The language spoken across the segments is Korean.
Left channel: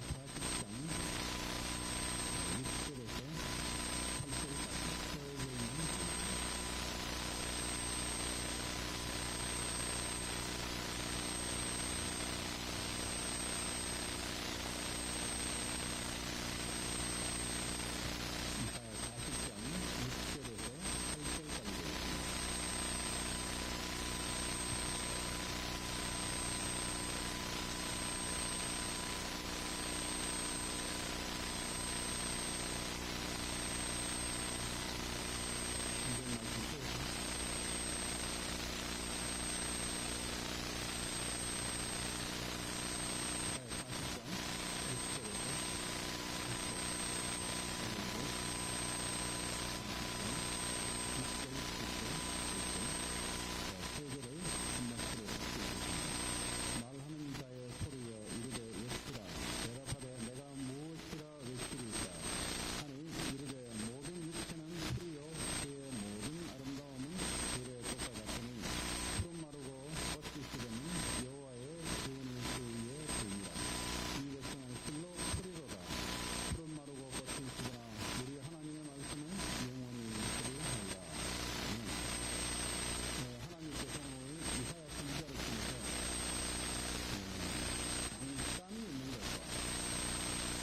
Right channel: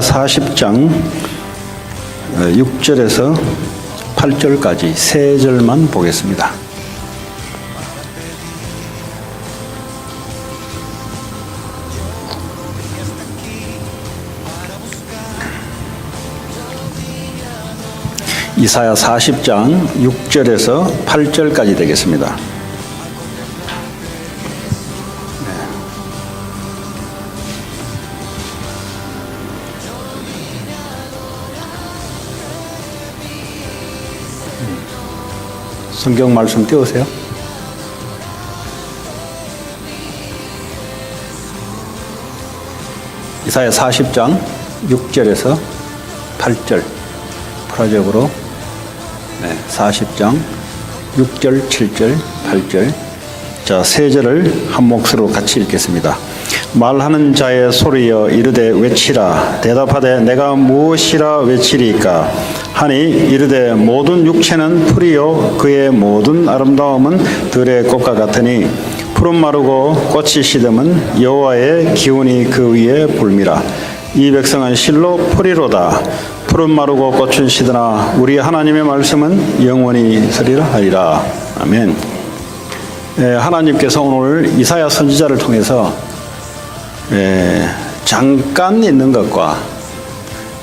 40장 6절에서 8절까지 세 절만 보겠습니다. 이사야 40장 6절에서 8절까지 되겠습니다. 성경 말씀 띄우세요. 이사야 40장 6절에서 8절 프라적으로 40장 6절, 7절, 8절 자, 세 절을 한 몫으로 같이 읽겠습니다. 말하는 자의 소리여 이르되 외치라. 대답하되 내가 무엇이라 외치리까 하니 이르되 모든 육체는 풀이요 그의 모든 아름다움은 들의 꽃과 같으니 푸른 마르고 꽃이 시듬은 여호와의 기운이 그 위에 불미라. 이 백성은 실로 풀이로다. 푸른 마르고 꽃은 시드나 우리 하나님의 말씀은 영원히 서리라 하리라. 아멘. 하나님께서 오늘 이사야 선지자를 통해서 잠깐 있는 것과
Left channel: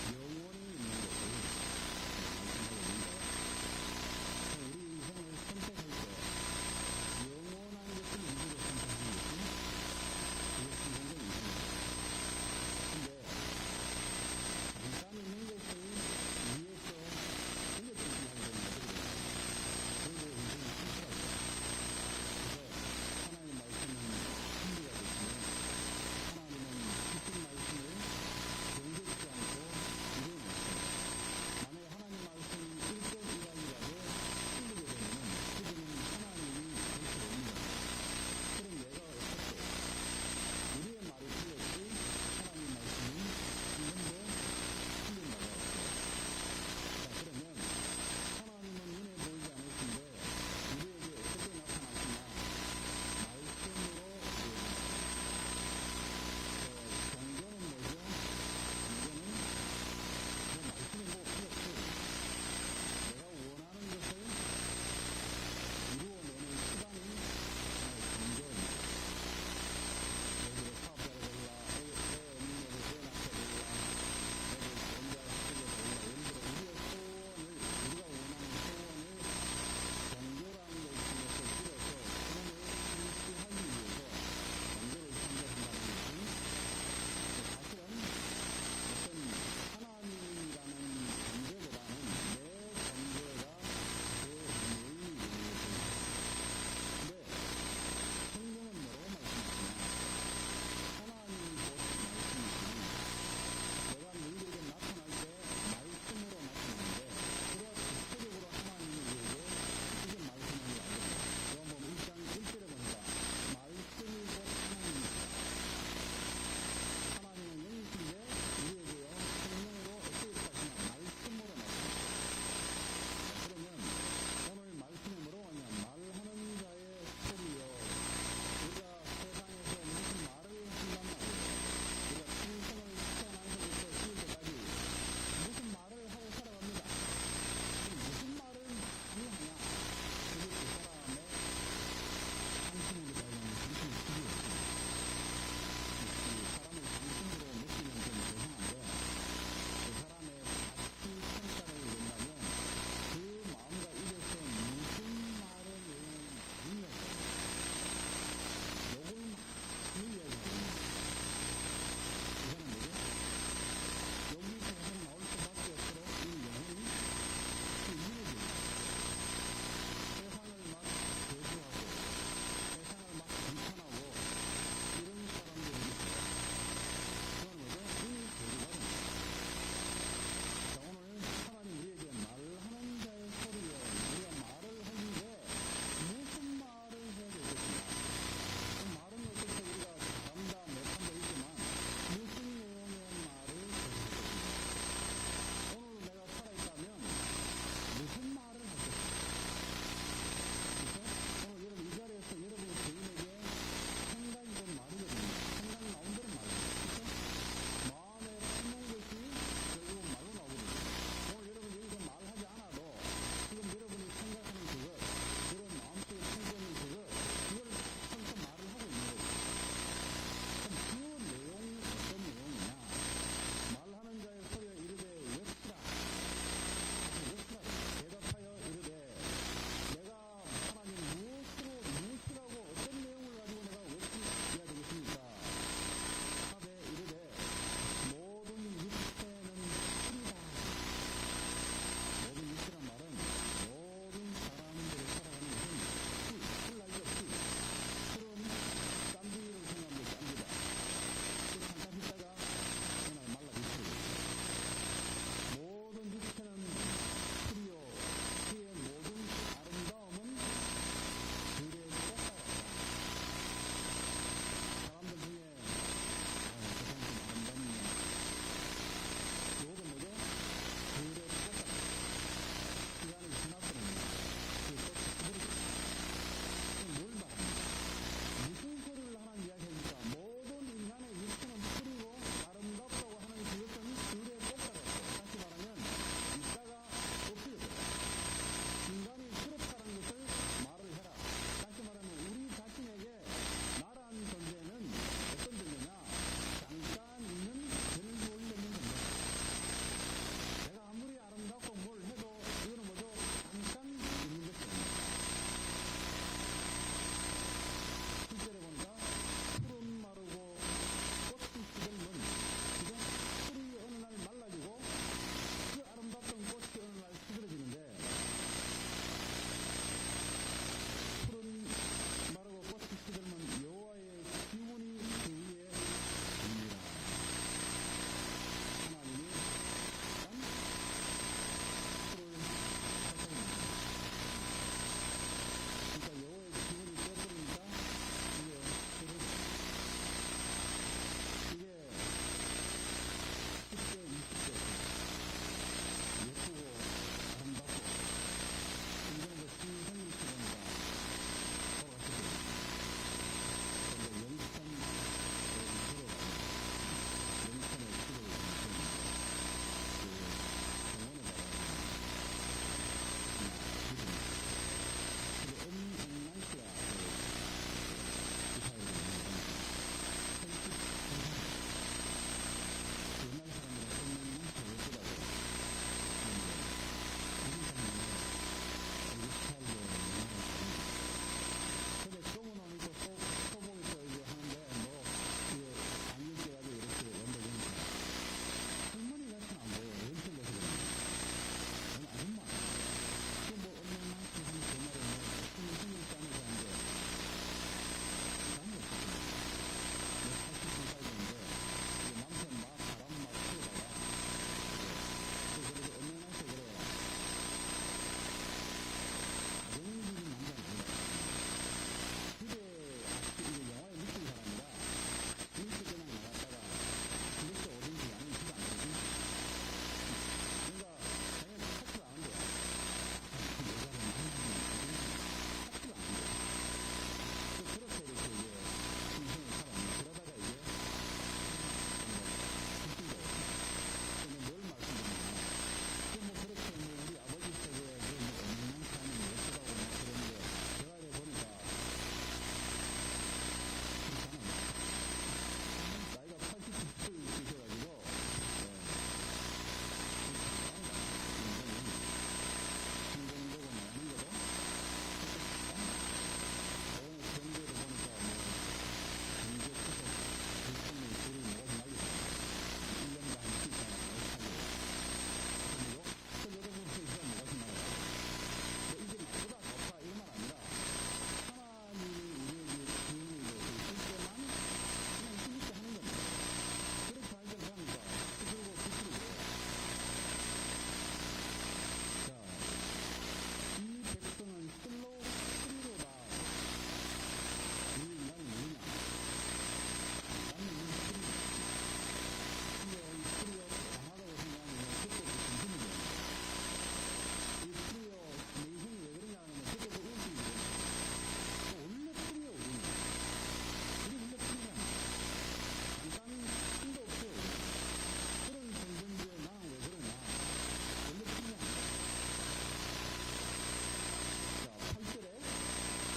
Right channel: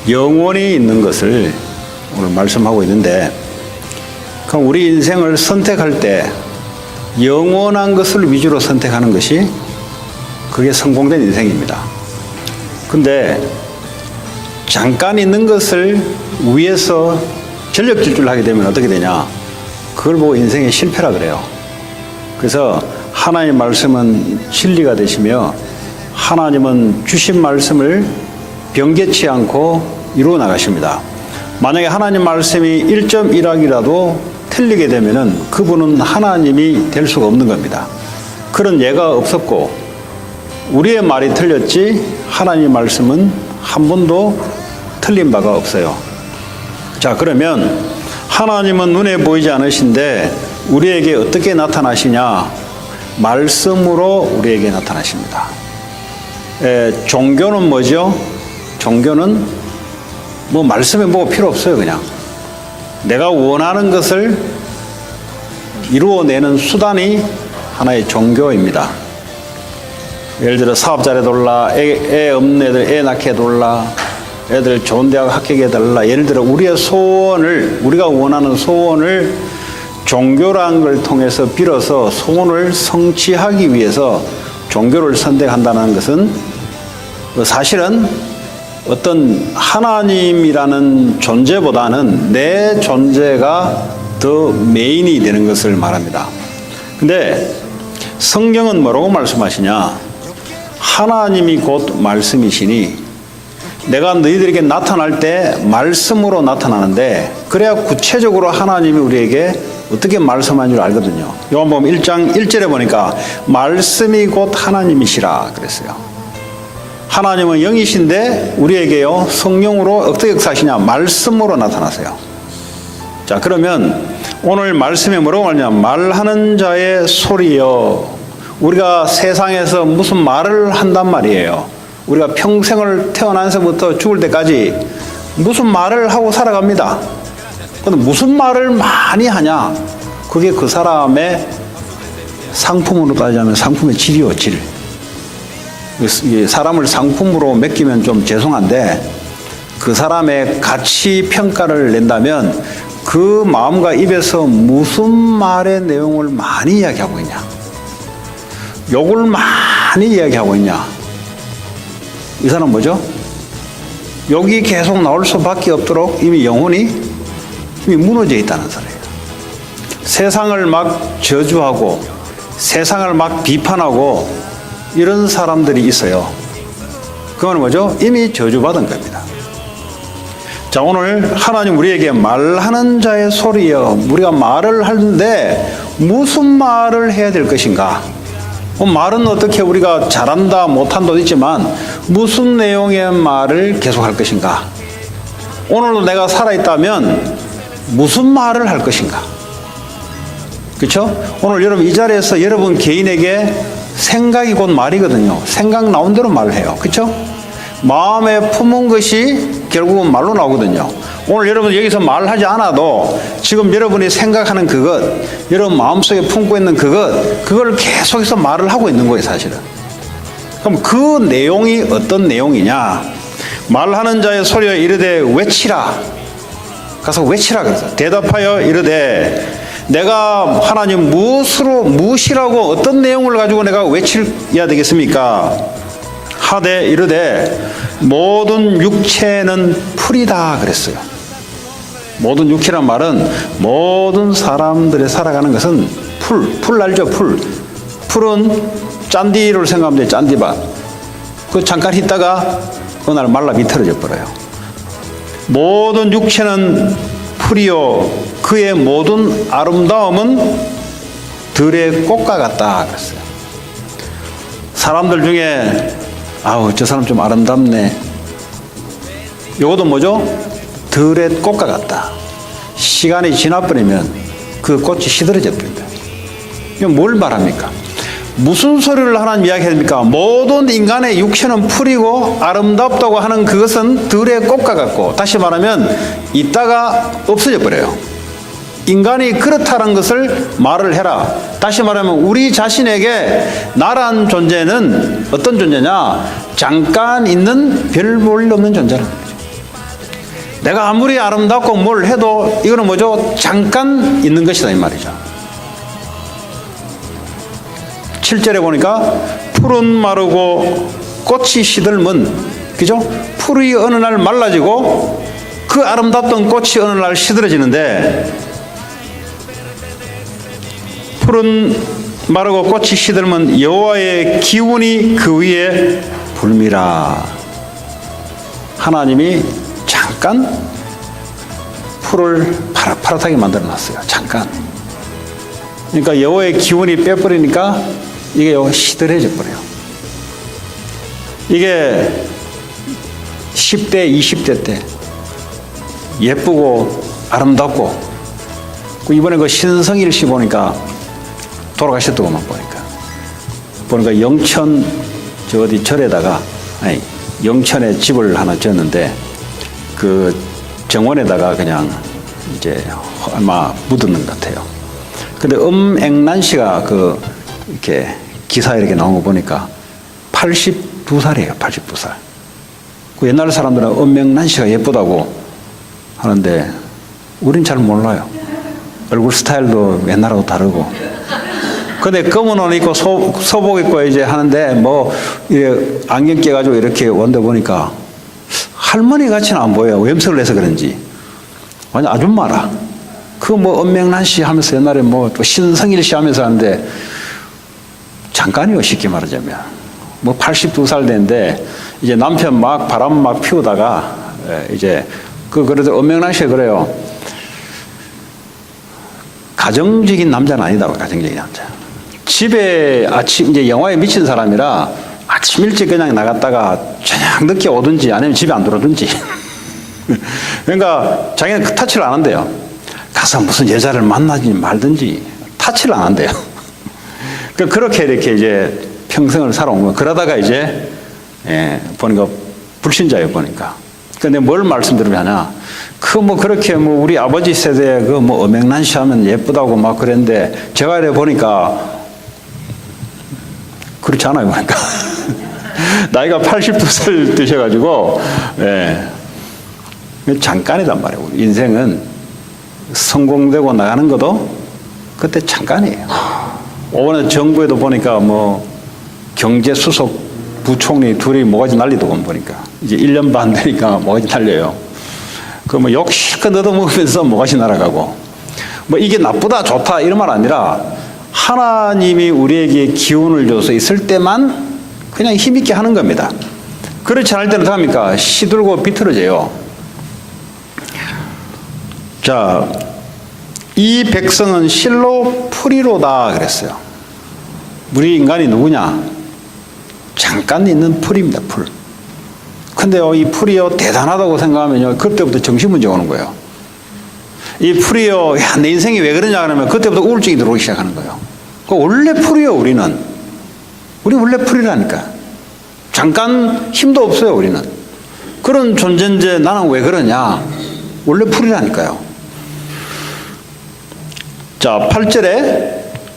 영원히 있는 것을 오늘 말씀하고 있는데, 그럼 우리 인생을 선택할 때 영원한 것을 위주로 선택하는 것이 그게 성공된 인생입니다. 근데 잠깐 있는 것을 위해서 전력 질주를 하게 되면 어떻게 되냐? 그걸 보고 인생의 실패라 그래요. 그래서 하나님의 말씀은 진리가 되시며 하나님은 주신 말씀을 변개치 않고 이루어 나가십니다. 만약에 하나님 말씀이 1.1학이라도 틀리게 되면은 그분은 하나님이 될 수가 없는 겁니다. 그런 예가 없었고 우리의 말이 틀렸지 하나님 말씀은 한 번도 틀린 바가 없어요. 자, 그러면 하나님은 눈에 보이지 않으신데 우리에게 어떻게 나타나시냐? 말씀으로 우리에게 나타나십니다. 종교는 뭐죠? 종교는 뭐 말씀에 뭐 필요 없어요. 그냥 내가 원하는 것을 이루어내는 수단이 하나의 종교입니다. 예를 들어 사업 잘해달라, 애 없는 애들 애 낳게 해달라, 애들 좋은 대학 합격해 달라. 예를 들어 우리의 소원을, 우리가 원하는 소원을 종교라는 걸 통해서 빌어서 소원을 성취하기 위해서 종교를 선택한다는 것은 사실은 어떤 하나님이라는 존재보다는 내 존재가 더 메인이 되는 것을 말합니다. 근데 성경은 뭐라고 말씀하시냐? 하나님이 곧 말씀이시니 내가 너희들에게 나타날 때 말씀으로 나타나는데, 그래야 구체적으로 하나님이 우리에게 어떻게 말씀하는 줄 알거든요. 요한복음 1장 1절에 보니까 말씀이 곧 하나님이시라 그랬어요. 하나님은 영이신데 우리에게요 성령으로 어떻게 역사하시냐? 말씀으로 나타나세요. 자, 그러면 오늘 말씀에 뭐라고 하냐? 말하는 자의 소리요. 우리가 세상에서 무슨 말을 한단 말이에요. 우리가 평생을 태어나서부터 죽을 때까지 무슨 말을 하고 살아갑니다. 그런데 무슨 말을 많이 하냐? 그게 그 사람의 상품으로 따지자면 상품의 질이요, 질. 사람을 상품으로 맡기면 좀 죄송한데 그 사람의 가치 평가를 낸다면 그 마음과 입에서 무슨 말의 내용을 많이 이야기하고 있냐? 욕을 많이 이야기하고 있냐? 이 사람 뭐죠? 욕이 계속 나올 수밖에 없도록 이미 영혼이 무너져 있다는 소리예요. 세상을 막 저주하고 세상을 막 비판하고 이런 사람들이 있어요. 그건 뭐죠? 이미 저주받은 겁니다. 자, 오늘 하나님 우리에게 말하는 자의 소리여. 우리가 말을 하는데 무슨 말을 해야 될 것인가? 말은 어떻게 우리가 잘한다 못한다도 있지만 무슨 내용의 말을 계속할 것인가? 오늘도 내가 살아있다면 무슨 말을 할 것인가? 그렇죠? 오늘 여러분 이 자리에서 여러분 개인에게 생각이 곧 말이거든요. 생각 나온 대로 말을 해요. 그렇죠? 마음에 품은 것이 결국은 말로 나오거든요. 오늘 여러분 여기서 말하지 않아도 지금 여러분이 생각하는 그것, 여러분 마음속에 품고 있는 그걸 계속해서 말을 하고 있는 거예요, 사실은. 그럼 그 내용이 어떤 내용이냐? 말하는 자의 소리여 이르되 외치라. 가서 외치라 그래서 대답하여 이르되 내가 하나님 무엇이라고 어떤 내용을 가지고 내가 외쳐야 되겠습니까? 하되 이르되 모든 육체는 풀이다 그랬어요. 모든 육체란 말은 모든 사람들이 살아가는 것은 풀 알죠? 풀은 짠디를 생각하면 돼요. 짠디밭. 그 잠깐 있다가 어느 날 말라 비틀어져 버려요. 모든 육체는 풀이요 그의 모든 아름다움은 들의 꽃과 같다 그랬어요. 사람들 중에 아우 저 사람 좀 아름답네. 이것도 뭐죠? 들의 꽃과 같다. 시간이 지나버리면 그 꽃이 시들어져 버린다. 이건 뭘 말합니까? 무슨 소리를 하나님 이야기합니까? 모든 인간의 육체는 풀이고 아름답다고 하는 그것은 들의 꽃과 같고, 다시 말하면 있다가 없어져 버려요. 인간이 그렇다는 것을 말을 해라. 다시 말하면 우리 자신에게 나란 존재는 어떤 존재냐? 잠깐 있는 별 볼 없는 존재라는 거죠. 내가 아무리 아름답고 뭘 해도 이거는 뭐죠? 잠깐 있는 것이다 이 말이죠. 7절에 보니까 풀은 마르고 꽃이 시들면, 그죠? 풀이 어느 날 말라지고 그 아름답던 꽃이 어느 날 시들어지는데, 풀은 마르고 꽃이 시들면 여호와의 기운이 그 위에 불미라. 하나님이 잠깐 풀을 파릇파릇하게 만들어 놨어요. 잠깐. 그러니까 여호와의 기운이 빼버리니까 이게 시들해져 버려요. 이게 10대, 20대 때 예쁘고 아름답고, 이번에 그 신성일 씨 보니까 돌아가셨더구만 보니까 영천 저 어디 절에다가, 아니 영천에 집을 하나 지었는데 그 정원에다가 그냥 이제 아마 묻었는 것 같아요. 근데 엄앵란 씨가 그 이렇게 기사에 이렇게 나온 거 보니까 82살이에요. 82살. 그 옛날 사람들은 엄앵란 씨가 예쁘다고 하는데 우린 잘 몰라요. 얼굴 스타일도 옛날하고 다르고. 근데 검은 옷 입고 소복 입고 이제 하는데 뭐 안경 깨가지고 이렇게 원대 보니까 할머니 같이는 안 보여요. 염색을 해서 그런지. 완전 아줌마라. 그 뭐 엄명란 씨 하면서 옛날에 뭐 또 신성일 씨 하면서 하는데 잠깐이요, 쉽게 말하자면. 뭐 82살 됐는데 이제 남편 막 바람 막 피우다가 이제 그래도 엄명란 씨가 그래요. 가정적인 남자는 아니다고. 가정적인 남자. 집에 아침 이제 영화에 미친 사람이라 아침 일찍 그냥 나갔다가 저녁 늦게 오든지 아니면 집에 안 들어오든지. 그러니까 자기는 그 터치를 안 한대요. 가서 무슨 여자를 만나지 말든지 터치를 안 한대요. 그렇게 이렇게 이제 평생을 살아온 거예요. 그러다가 이제 보니까 불신자예요, 보니까. 근데 뭘 말씀드리냐면 뭐 그렇게 뭐 우리 아버지 세대에 그 뭐 엄앵란 씨 하면 예쁘다고 막 그랬는데 제가 이래 보니까 그렇지 않아요, 보니까. 나이가 82살 되셔가지고, 잠깐이단 말이에요. 인생은 성공되고 나가는 것도 그때 잠깐이에요. 오늘 정부에도 보니까 뭐 경제수석 부총리 둘이 모가지 날리더군 보니까. 이제 1년 반 되니까 모가지 날려요. 그 뭐 욕 실컷 얻어먹으면서 모가지 날아가고. 뭐 이게 나쁘다, 좋다 이런 말 아니라 하나님이 우리에게 기운을 줘서 있을 때만 그냥 힘있게 하는 겁니다. 그렇지 않을 때는 어떡합니까? 시들고 비틀어져요. 자, 이 백성은 실로 풀이로다 그랬어요. 우리 인간이 누구냐? 잠깐 있는 풀입니다. 풀. 근데요, 이 풀이요 대단하다고 생각하면요, 그때부터 정신문제 오는 거예요. 이 풀이요, 야, 내 인생이 왜 그러냐 그러면 그때부터 우울증이 들어오기 시작하는 거예요. 원래 풀이요, 우리는. 우리 원래 풀이라니까. 잠깐 힘도 없어요, 우리는. 그런 존재인데 나는 왜 그러냐? 원래 풀이라니까요. 자, 8절에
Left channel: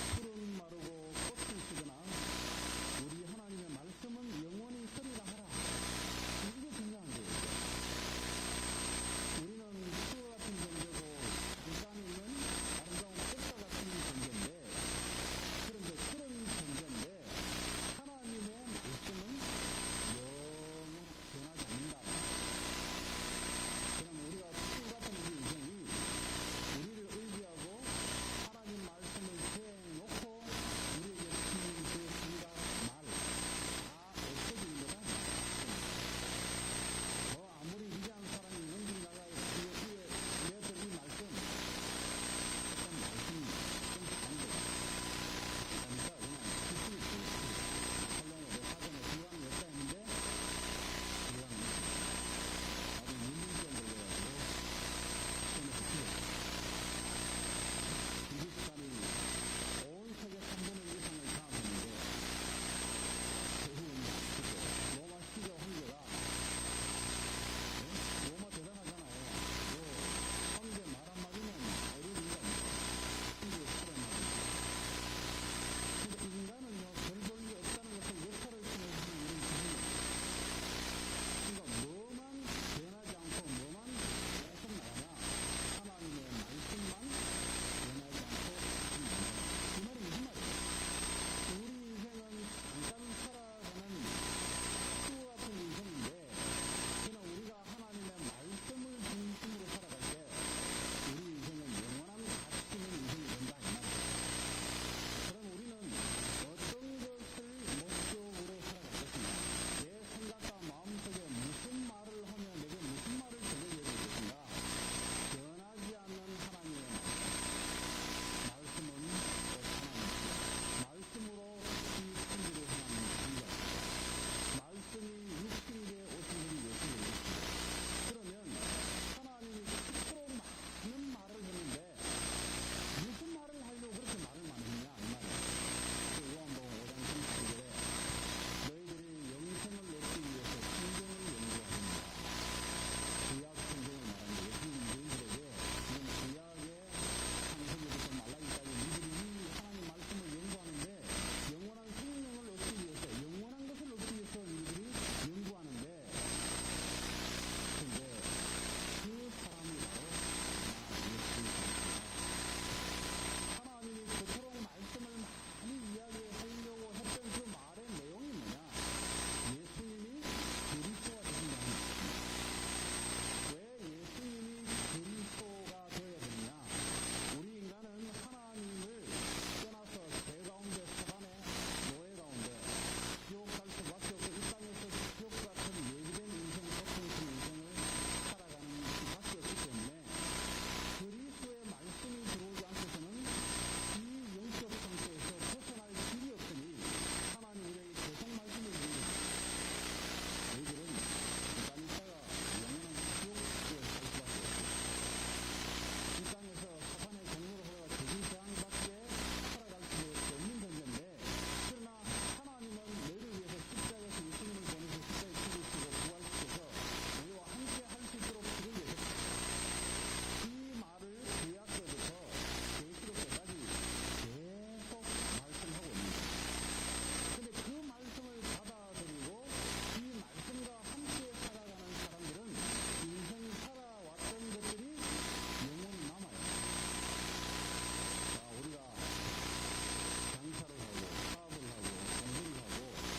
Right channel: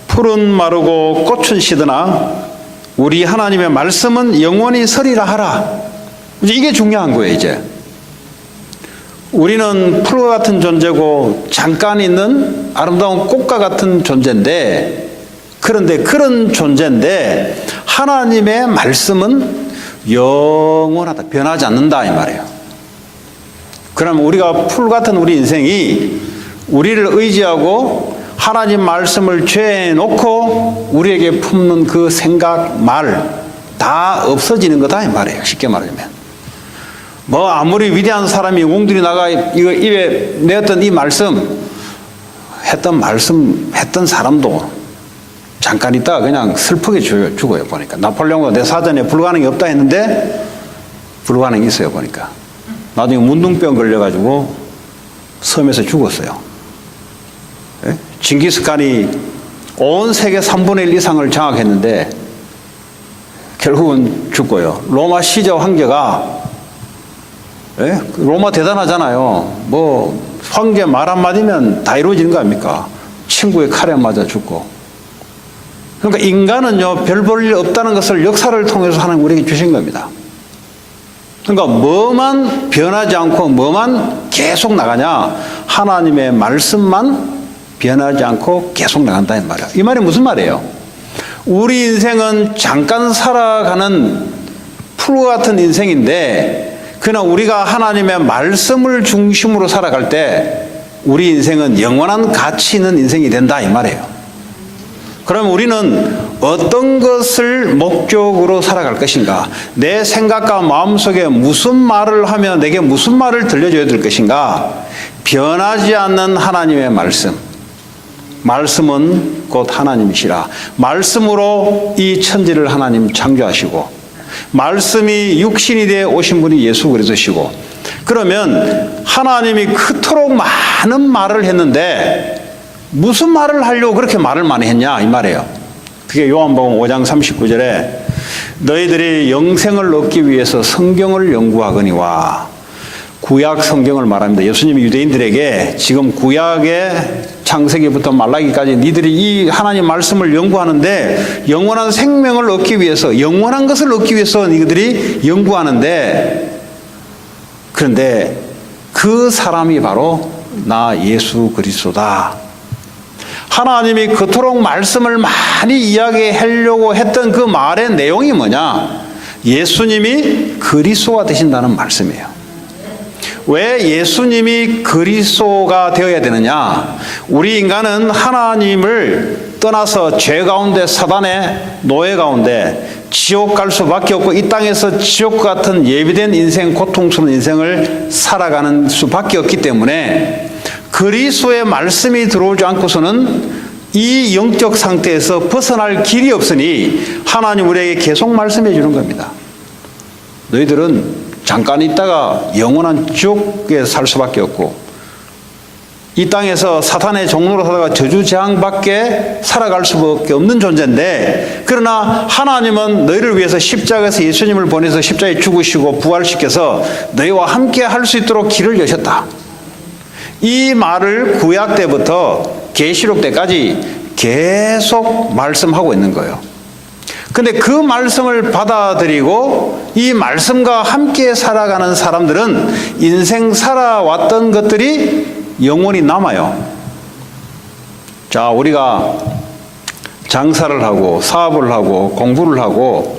풀은 마르고 꽃은 시드나 우리 하나님의 말씀은 영원히 서리라 하라. 이제 이게 중요한 거예요, 이제. 우리는 풀과 같은 존재고 잠깐 있는 아름다운 꽃과 같은 존재인데, 그런데 그런 존재인데 하나님의 말씀은 영원하다. 변하지 않는다 이 말이에요. 그러면 우리가 풀 같은 우리 인생이 우리를 의지하고 하나님 말씀을 죄에 놓고 우리에게 품는 그 생각, 말 다 없어지는 거다 이 말이에요. 쉽게 말하면. 뭐 아무리 위대한 사람이 웅들이 나가 이거 입에 내었던 이 말씀 했던 사람도 잠깐 있다가 그냥 슬프게 죽어요. 보니까 나폴레옹도 내 사전에 불가능이 없다 했는데 불가능이 있어요. 보니까 나중에 문둥병 걸려가지고 섬에서 죽었어요. 예? 징기스칸이 온 세계 3분의 1 이상을 장악했는데 결국은 죽고요. 로마 시저 황제가, 예? 로마 대단하잖아요. 뭐 황제 말 한마디면 다 이루어지는 거 아닙니까? 친구의 칼에 맞아 죽고. 그러니까 인간은요, 별 볼 일 없다는 것을 역사를 통해서 하나님 우리에게 주신 겁니다. 그러니까 뭐만 변하지 않고 뭐만 계속 나가냐? 하나님의 말씀만 변하지 않고 계속 나간다 이 말이야. 이 말이 무슨 말이에요? 우리 인생은 잠깐 살아가는 풀과 같은 인생인데, 그러나 우리가 하나님의 말씀을 중심으로 살아갈 때 우리 인생은 영원한 가치 있는 인생이 된다 이 말이에요. 그럼 우리는 어떤 것을 목적으로 살아갈 것인가? 내 생각과 마음속에 무슨 말을 하며 내게 무슨 말을 들려줘야 될 것인가? 변하지 않는 하나님의 말씀. 말씀은 곧 하나님이시라. 말씀으로 이 천지를 하나님 창조하시고, 말씀이 육신이 되어 오신 분이 예수 그리스도시고, 그러면 하나님이 그토록 많은 말을 했는데 무슨 말을 하려고 그렇게 말을 많이 했냐 이 말이에요. 그게 요한복음 5장 39절에 너희들이 영생을 얻기 위해서 성경을 연구하거니와, 구약 성경을 말합니다. 예수님이 유대인들에게 지금 구약의 창세기부터 말라기까지 니들이 이 하나님 말씀을 연구하는데 영원한 생명을 얻기 위해서, 영원한 것을 얻기 위해서 니들이 연구하는데, 그런데 그 사람이 바로 나 예수 그리스도다. 하나님이 그토록 말씀을 많이 이야기하려고 했던 그 말의 내용이 뭐냐? 예수님이 그리스도가 되신다는 말씀이에요. 왜 예수님이 그리스도가 되어야 되느냐? 우리 인간은 하나님을 떠나서 죄 가운데, 사단의 노예 가운데 지옥 갈 수밖에 없고, 이 땅에서 지옥 같은 예비된 인생, 고통스러운 인생을 살아가는 수밖에 없기 때문에 그리스도의 말씀이 들어오지 않고서는 이 영적 상태에서 벗어날 길이 없으니 하나님 우리에게 계속 말씀해 주는 겁니다. 너희들은 잠깐 있다가 영원한 지옥에 살 수밖에 없고, 이 땅에서 사탄의 종로로 살다가 저주재앙밖에 살아갈 수밖에 없는 존재인데, 그러나 하나님은 너희를 위해서 십자가에서 예수님을 보내서 십자가에 죽으시고 부활시켜서 너희와 함께 할 수 있도록 길을 여셨다. 이 말을 구약 때부터 계시록 때까지 계속 말씀하고 있는 거예요. 근데 그 말씀을 받아들이고 이 말씀과 함께 살아가는 사람들은 인생 살아왔던 것들이 영원히 남아요. 자, 우리가 장사를 하고 사업을 하고 공부를 하고,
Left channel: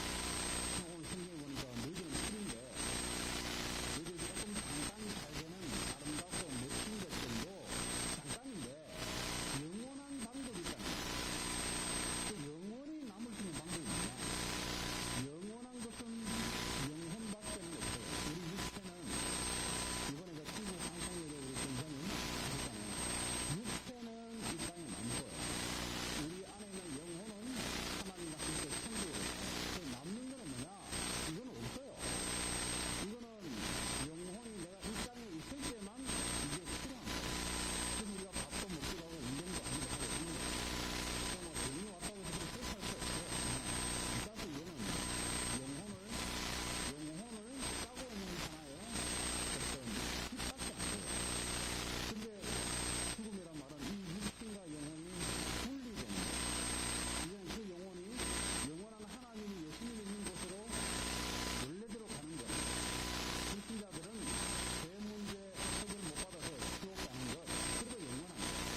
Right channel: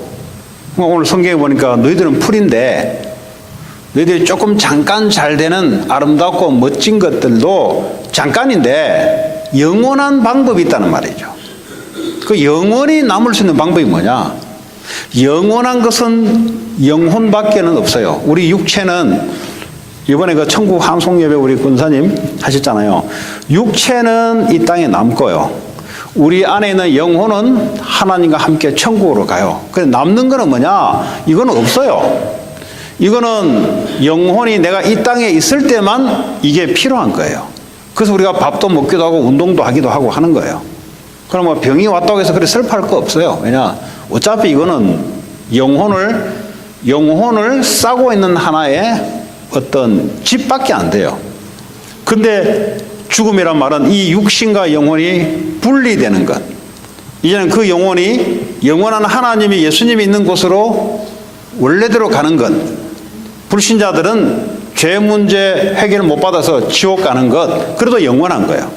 오늘 성경에 보니까 너희들은 풀인데, 너희들이 조금 잠깐 잘 되는 아름답고 멋진 것들도 잠깐인데 영원한 방법이 있다는 말이죠. 그 영원히 남을 수 있는 방법이 뭐냐? 영원한 것은 영혼밖에는 없어요. 우리 육체는, 이번에 그 천국 환송예배 우리 군사님 하셨잖아요. 육체는 이 땅에 남고요. 우리 안에 있는 영혼은 하나님과 함께 천국으로 가요. 근데 남는 거는 뭐냐? 이거는 없어요. 이거는 영혼이 내가 이 땅에 있을 때만 이게 필요한 거예요. 그래서 우리가 밥도 먹기도 하고 운동도 하기도 하고 하는 거예요. 그럼 뭐 병이 왔다고 해서 그래 슬퍼할 거 없어요. 왜냐? 어차피 이거는 영혼을 영혼을 싸고 있는 하나의 어떤 집밖에 안 돼요. 근데 죽음이란 말은 이 육신과 영혼이 분리되는 것. 이제는 그 영혼이 영원한 하나님이 예수님이 있는 곳으로 원래대로 가는 것. 불신자들은 죄 문제 해결 못 받아서 지옥 가는 것. 그래도 영원한 거예요.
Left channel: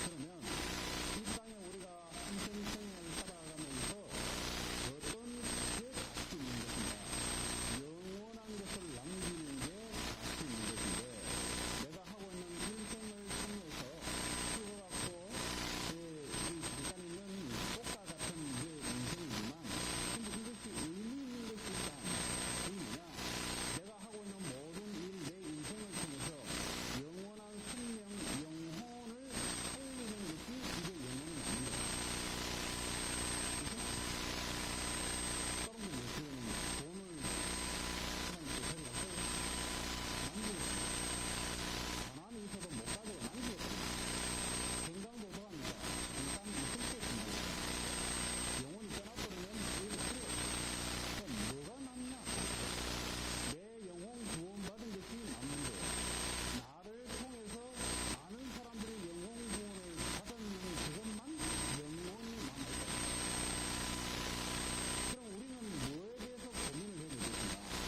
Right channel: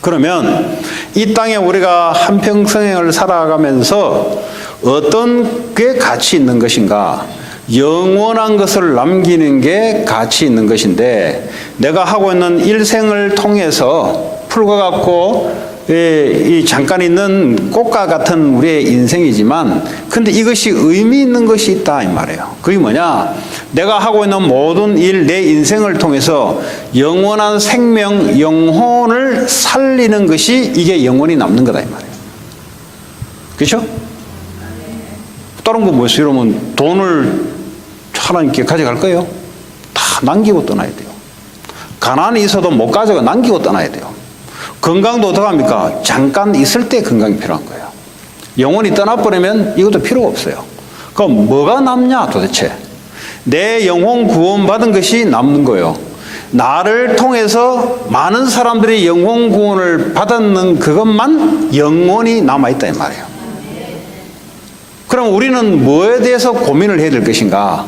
그러면 이 땅에 우리가 한평생을 살아가면서 어떤 게 가치 있는 것인가? 영원한 것을 남기는 게 가치 있는 것인데, 내가 하고 있는 일생을 통해서 풀과 같고 이 잠깐 있는 꽃과 같은 우리의 인생이지만, 근데 이것이 의미 있는 것이 있다 이 말이에요. 그게 뭐냐? 내가 하고 있는 모든 일, 내 인생을 통해서 영원한 생명, 영혼을 살리는 것이 이게 영원히 남는 거다 이 말이에요. 그렇죠? 다른 거 뭐였어요? 이러면 돈을 하나님께 가져갈 거예요? 다 남기고 떠나야 돼요. 가난이 있어도 못 가져가 남기고 떠나야 돼요. 건강도 어떡합니까? 잠깐 있을 때 건강이 필요한 거예요. 영원히 떠나버리면 이것도 필요가 없어요. 그럼 뭐가 남냐 도대체? 내 영혼 구원받은 것이 남는 거예요. 나를 통해서 많은 사람들이 영혼 구원을 받았는 그것만 영원히 남아있다 이 말이에요. 그럼 우리는 뭐에 대해서 고민을 해야 될 것인가?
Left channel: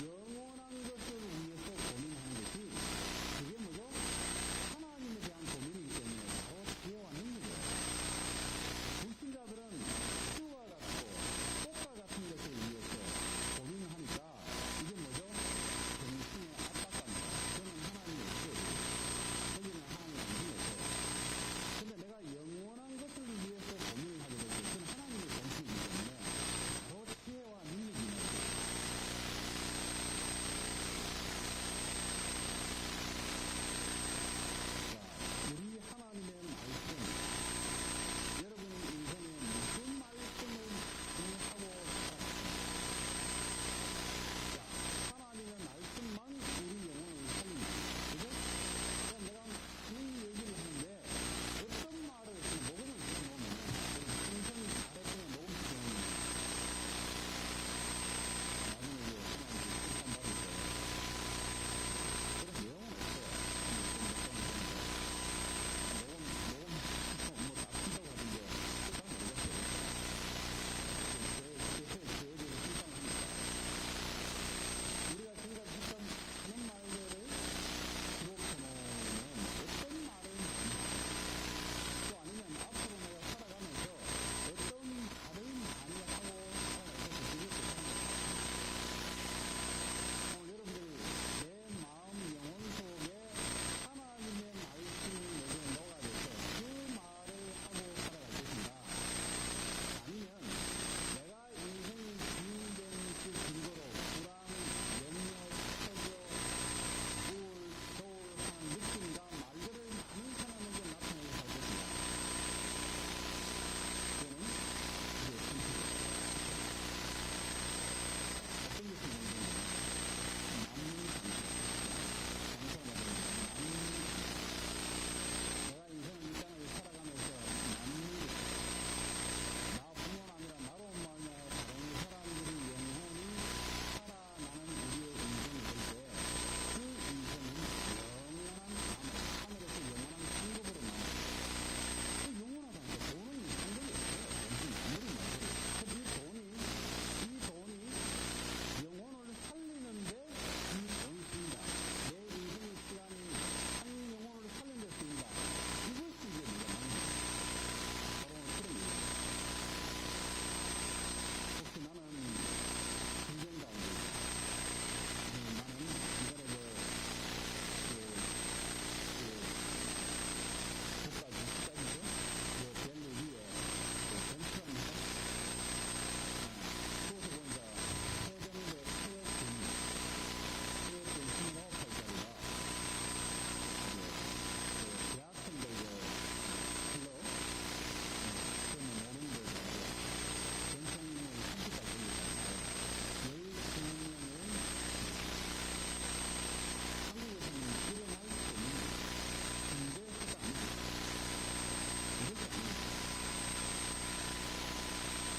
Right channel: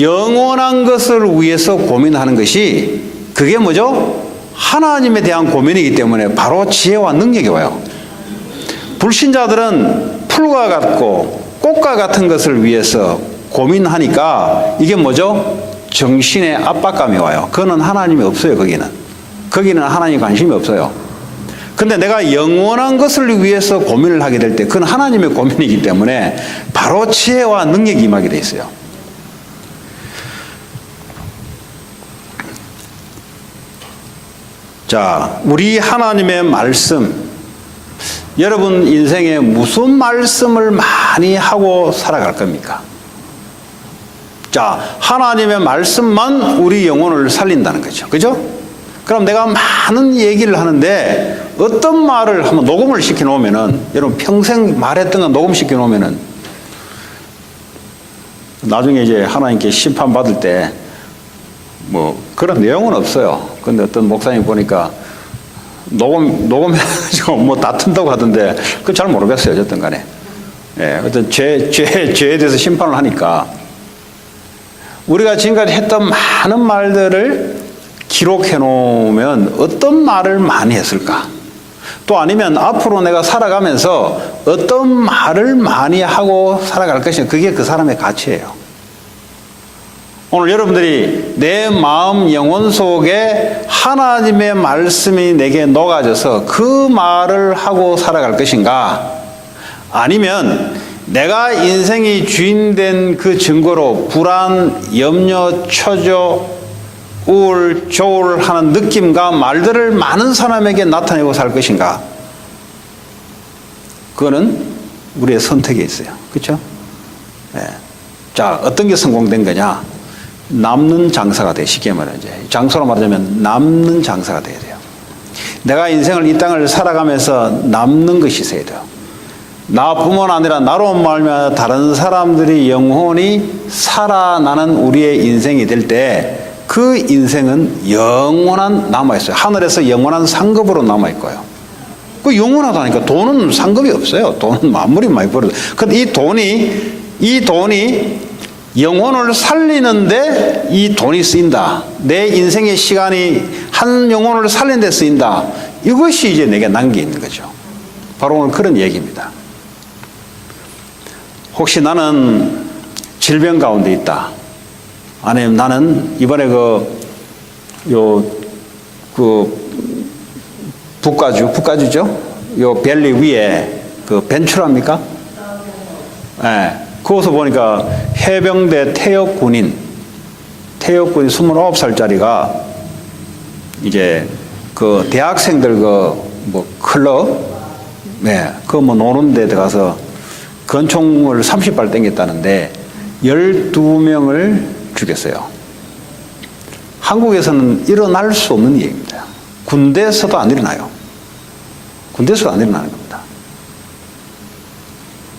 영원한 것을 위해서 고민하는 것이, 그게 뭐죠? 하나님에 대한 고민이기 때문에 바로 지혜와 능력이 와요. 불신자들은 풀과 같고 꽃과 같은 것을 위해서 고민하니까 이게 뭐죠? 정신의 압박감이 와요. 그거는 하나님이 없어요. 거기는 하나님 관심이 없어요. 근데 내가 영원한 것을 위해서 고민을 하게 될 때 그건 하나님의 고민이기 때문에 바로 지혜와 능력이 임하게 돼 있어요. 자, 우리 하나님의 말씀, 여러분 인생에 무슨 말씀을 많이 하고 살아갈 겁니까? 자, 하나님의 말씀만 우리 영혼을 살린다는 거죠. 그죠? 그럼 내가 많은 얘기를 하는데 어떤 말을 한번 녹음을 시켜 놓으면은, 여러분 평생 말했던 거 녹음시켜 놓으면은 나중에 이제 하나님께 심판받을 때 뭐 그런 내용은 없어요. 근데 어떤 목사님 보니까 녹음해가지고 뭐 다툰다고 하던데 그건 잘 모르겠어요. 어쨌든 간에. 예, 어떤 죄에 대해서 심판을 하니까 우리가 지금까지 했던 많은 말들을 기록해 놓으면 어떤 말을 많이 했을까? 또 아니면 앞으로 내가 살아가면서 어떤 말을 많이 하고 살아갈 것인가? 그게 그 사람의 가치예요. 오늘 여러분들이 내 마음 영혼 속에 하나님의 말씀이 내게 녹아져서 그 말을 하고 살아갈 것인가? 아니면 내가 인생이 주인된 그 증거로 불안, 염려, 초조, 우울, 조울하는 느낌과 말들을 많은 사람에게 나타내고 살 것인가? 그거는 우리의 선택에 있어요. 그렇죠? 네. 자, 어떤 게 성공된 거냐? 남는 장사가 돼. 쉽게 말하면 이제 장소로 말하자면 남는 장사가 돼야 돼요. 내가 인생을 이 땅을 살아가면서 남는 것이 있어야 돼요. 나뿐만 아니라 나로 말미암아 다른 사람들이 영혼이 살아나는 우리의 인생이 될 때 그 인생은 영원한 남아있어요. 하늘에서 영원한 상급으로 남아있고요. 그 영원하다니까. 돈은 상급이 없어요. 돈은 아무리 많이 벌어도. 근데 이 돈이 영혼을 살리는데 이 돈이 쓰인다. 내 인생의 시간이 한 영혼을 살리는 데 쓰인다. 이것이 이제 내게 남겨있는 거죠. 바로 오늘 그런 얘기입니다. 혹시 나는 질병 가운데 있다. 아니면 나는 이번에 북가주죠? 요 벨리 위에 그 벤츄라입니까? 예. 네. 그것을 보니까 해병대 퇴역군인 29살짜리가 이제 그 대학생들 뭐 클럽, 네, 그 뭐 노는 데 들어가서 권총을 30발 땡겼다는데 12명을 죽였어요. 한국에서는 일어날 수 없는 얘기입니다. 군대에서도 안 일어나요. 군대에서도 안 일어나는 겁니다.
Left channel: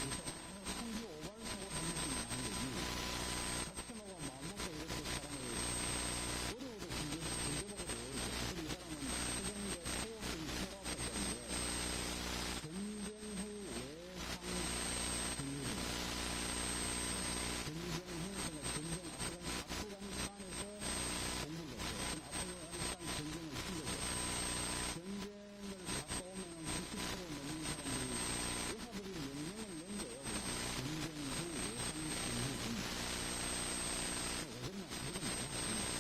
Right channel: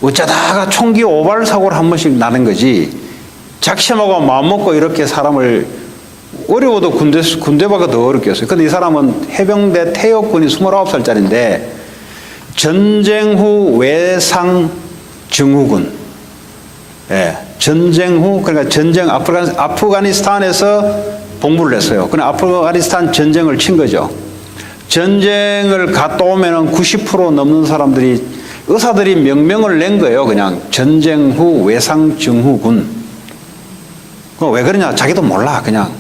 어쩌다가 총기 오발 사고를 한 번씩 나는 거지, 작심하고 마음먹고 이렇게 사람을 어려워도 군대보다 더 어렵겠어요. 근데 이 사람은 해병대 퇴역군이 29살짜리인데 전쟁 후 외상 증후군. 예, 전쟁 후, 그러니까 전쟁 아프가니스탄에서 복무를 했어요. 그냥 아프가니스탄 전쟁을 친 거죠. 전쟁을 갔다 오면은 90% 넘는 사람들이, 의사들이 명명을 낸 거예요. 그냥 전쟁 후 외상 증후군. 왜 그러냐? 자기도 몰라. 그냥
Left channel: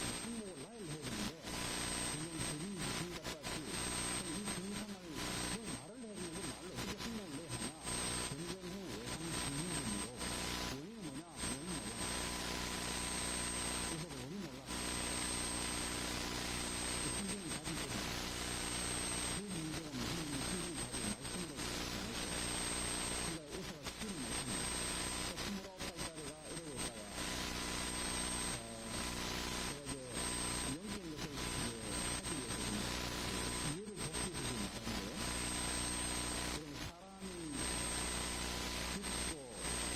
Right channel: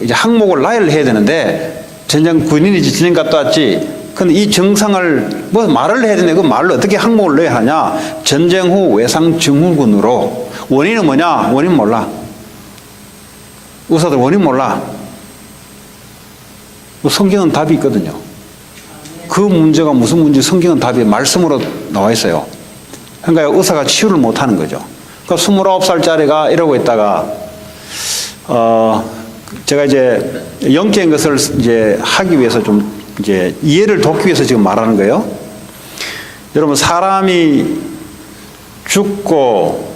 이제 항목을 나열을 해야 되는데 전쟁 군인이지 전쟁 갔다 왔지. 근데 이 증상을 뭐 말을 해야 되는데 그 말을 어떻게 항목을 넣어야 하냐? 전쟁 후 외상 증후군으로. 원인은 뭐냐? 원인 몰라. 의사들 원인 몰라. 성경은 답이 있거든요. 그 문제가 무슨 문제, 성경은 답이 말씀으로 나와 있어요. 그러니까 의사가 치유를 못 하는 거죠. 그러니까 29살짜리가 이러고 있다가, 제가 이제 영적인 것을 이제 하기 위해서 좀 이제 이해를 돕기 위해서 지금 말하는 거예요. 여러분, 사람이 죽고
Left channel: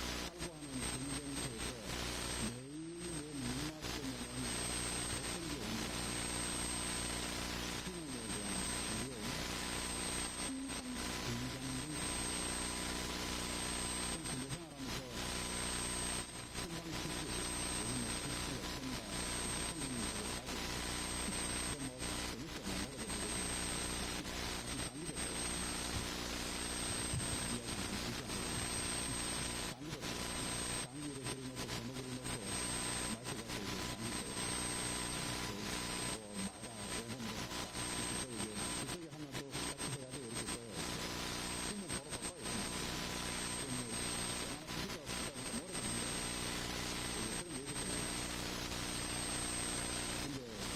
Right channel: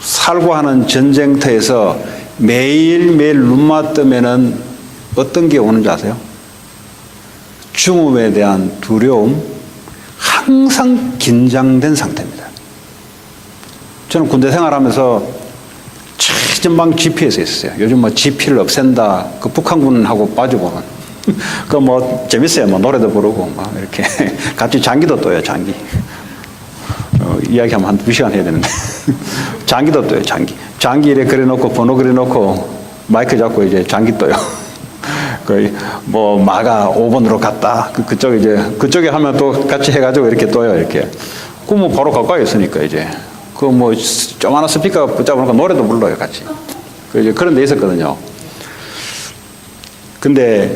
살고 하는 전쟁터에서 매일매일 눈만 뜨면은 어떤 게 오는지 아세요? 죽음에 대한 두려움, 항상 긴장된 상태입니다. 저는 군대 생활하면서 최전방 GP에서 있었어요. 요즘 뭐 GP를 없앤다, 그 북한군하고 빠져보는. 그 뭐 재밌어요. 뭐 노래도 부르고 막 이렇게 같이 장기도 떠요. 장기. 이야기하면 한 2시간 해야 되는데 장기도 떠요. 장기 이렇게 그려놓고 번호 그려놓고 마이크 잡고 이제 장기 떠요. 그 뭐 마가 5번으로 갔다. 그쪽에 하면 또 같이 해가지고 이렇게 떠요. 이렇게. 그 뭐 바로 가까이 있으니까 이제 그 뭐 조그마한 스피커 붙잡으니까 노래도 불러요. 같이. 그 이제 그런 데 있었거든요. 근데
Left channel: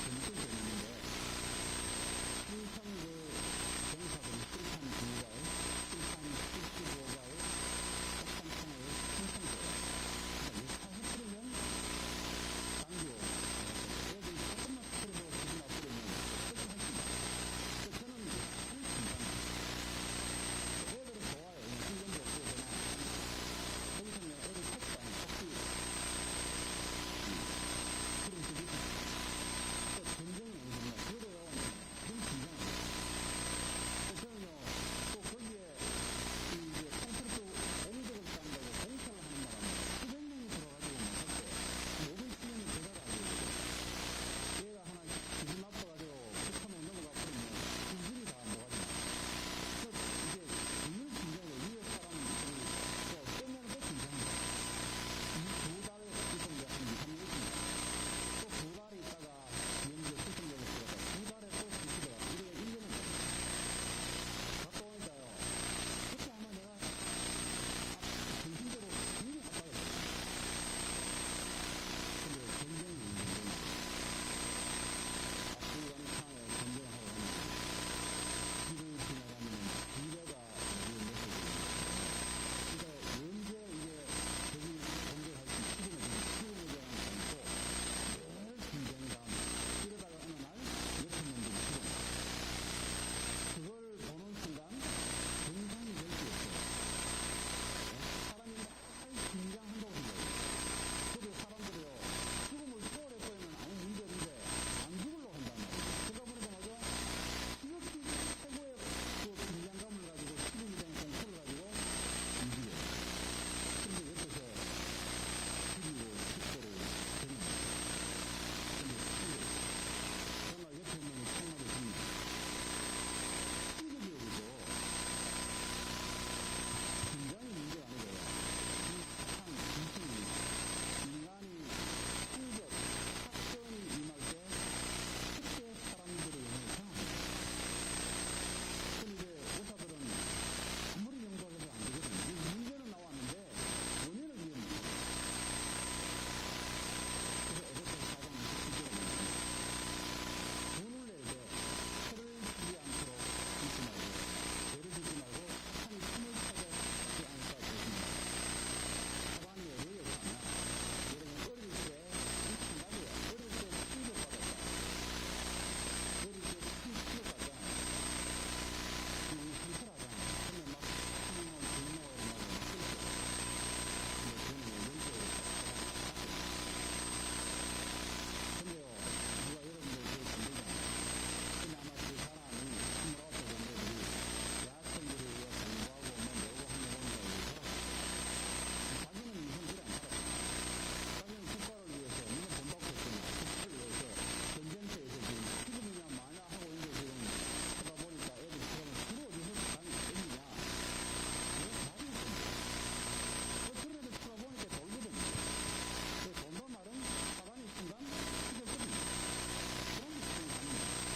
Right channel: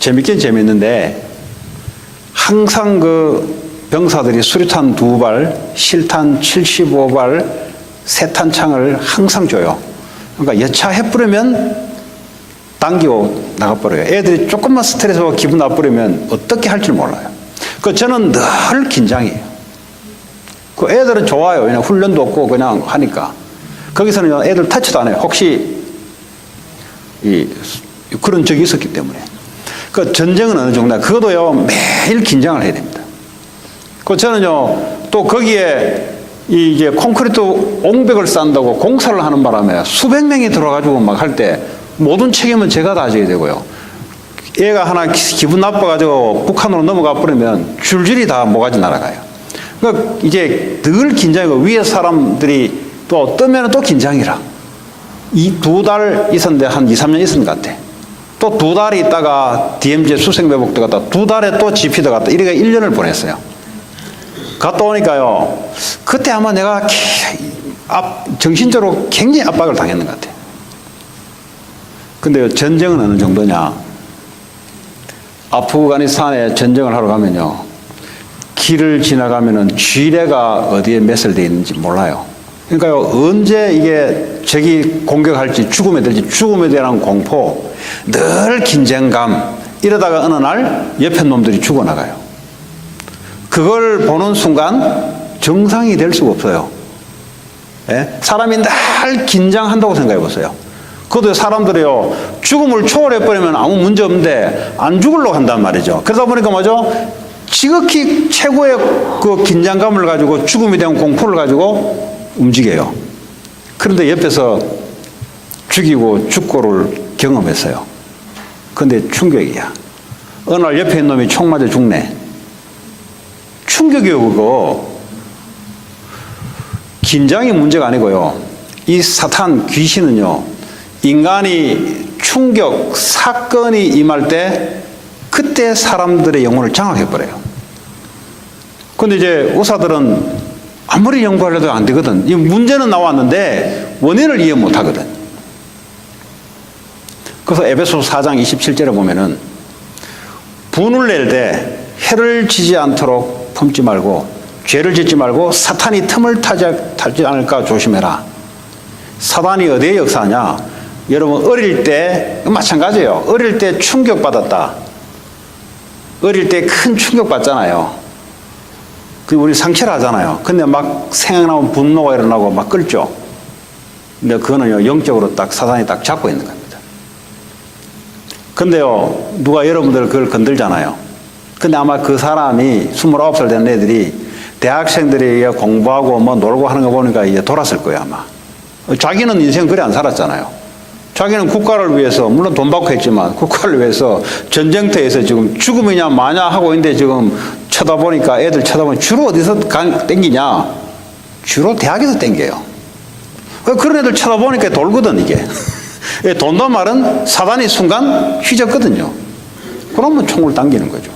재밌긴 재밌는데 항상 그 병사들이 수류탄 2발, 실탄 75발, 세탄창을 항상 줘요. 그러니까 여차해버리면 당기고 나가버려요. 애들이 조금만 스트레스와 기분 나쁘려면 어떻게 할지 몰라요. 그 저는 늘 긴장해요. 그 애들은 좋아요. 왜냐면 훈련도 없고 그냥 하니까. 거기서는 애들 터치도 안 해요. 혹시 그런 적이 있었기 때문에. 그 전쟁은 어느 정도냐. 그것도요, 매일 긴장을 해야 됩니다. 그 저는요, 또 거기에 이제 콘크리트 옹벽을 쌓는다고 공사를 하는 바람에 수백 명이 들어가지고 막 할 때 모든 책임은 제가 다 져야 되고요. 얘가 하나 기분 나빠가지고 북한으로 넘어가 버리면 줄줄이 다 모가지 날아가요. 그러니까 이제 늘 긴장이고 위에 사람들이 또 뜨면 또 긴장이라. 2달 있었는데 한 2, 3년 있은 것 같아. 또 2달이 있다가 DMZ 수색매복도 갔다 2달에 또 GP도 갔다 이렇게 1년을 보냈어요. 갔다 오니까요, 그때 아마 내가 정신적으로 굉장히 압박을 당했는 것 같아요. 근데 전쟁은 어느 정도냐. 아프가니스탄에 전쟁을 하러 가면요, 길을 지나가면은 쥐레가 어디에 매설되어 있는지 몰라요. 그러니까요, 언제 이게 적이 공격할지, 죽음에 대한 공포, 늘 긴장감, 이러다가 어느 날 옆에 놈들이 죽어나가요. 그걸 보는 순간 정상이 될 수가 없어요. 예? 사람이 늘 긴장한다고 생각해 보세요. 그것도 사람들이요, 죽음을 초월해버리면 아무 문제 없는데 안 죽으려고 한단 말이죠. 그러다 보니까 뭐죠? 지극히 최고의 그 긴장감을 가지고 죽음에 대한 공포를 가지고 움직여요. 그런데 옆에서 죽이고 죽고를 경험했어요. 근데 충격이야. 어느 날 옆에 있는 놈이 총 맞아 죽네. 충격이요, 그거. 긴장이 문제가 아니고요. 이 사탄, 귀신은요, 인간이 충격, 사건이 임할 때 그때 사람들의 영혼을 장악해버려요. 근데 이제 의사들은 아무리 연구하려도 안 되거든. 이 문제는 나왔는데 원인을 이해 못 하거든. 그래서 에베소서 4장 27절에 보면은 분을 낼 때 해를 지지 않도록 품지 말고 죄를 짓지 말고 사탄이 틈을 타지 않을까 조심해라. 사탄이 어디에 역사하냐? 여러분 어릴 때 마찬가지예요. 어릴 때 충격받았다. 어릴 때 큰 충격받잖아요. 그 우리 상처를 하잖아요. 근데 막 생각나면 분노가 일어나고 막 끓죠. 근데 그거는요, 영적으로 딱 사단이 딱 잡고 있는 겁니다. 근데요, 누가 여러분들 그걸 건들잖아요. 근데 아마 그 사람이 29살 된 애들이 대학생들이 공부하고 뭐 놀고 하는 거 보니까 이제 돌았을 거예요, 아마. 자기는 인생 그래 안 살았잖아요. 자기는 국가를 위해서, 물론 돈 받고 했지만, 국가를 위해서 전쟁터에서 지금 죽음이냐 마냐 하고 있는데 지금 쳐다보니까 애들 쳐다보면 주로 어디서 땡기냐? 주로 대학에서 땡겨요. 그런 애들 쳐다보니까 돌거든, 이게. 돈도 말은 사단이 순간 휘젓거든요. 그러면 총을 당기는 거죠.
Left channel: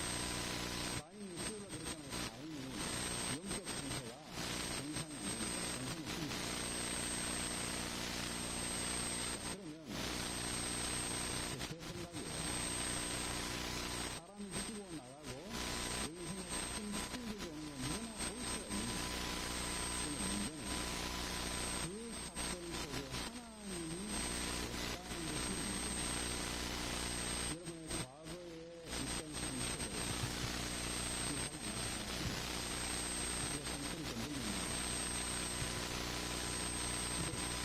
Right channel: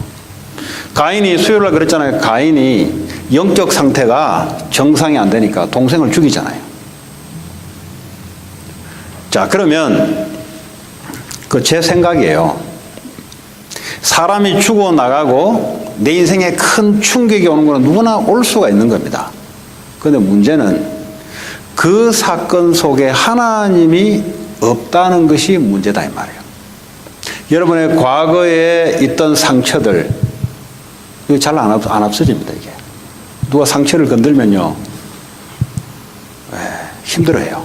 가인이 수요일날 그랬잖아요. 가인이 영적 상태가 정상이 안 되니까 동생을 죽이잖아요. 자, 그러면 그 제 생각이에요. 사람이 죽어나가고 내 인생에 큰 충격이 오는 건 누구나 올 수가 있는 겁니다. 그런데 문제는 그 사건 속에 하나님이 없다는 것이 문제다 이 말이에요. 여러분의 과거에 있던 상처들 이거 잘 안 없어집니다. 이게 누가 상처를 건들면요 힘들어해요.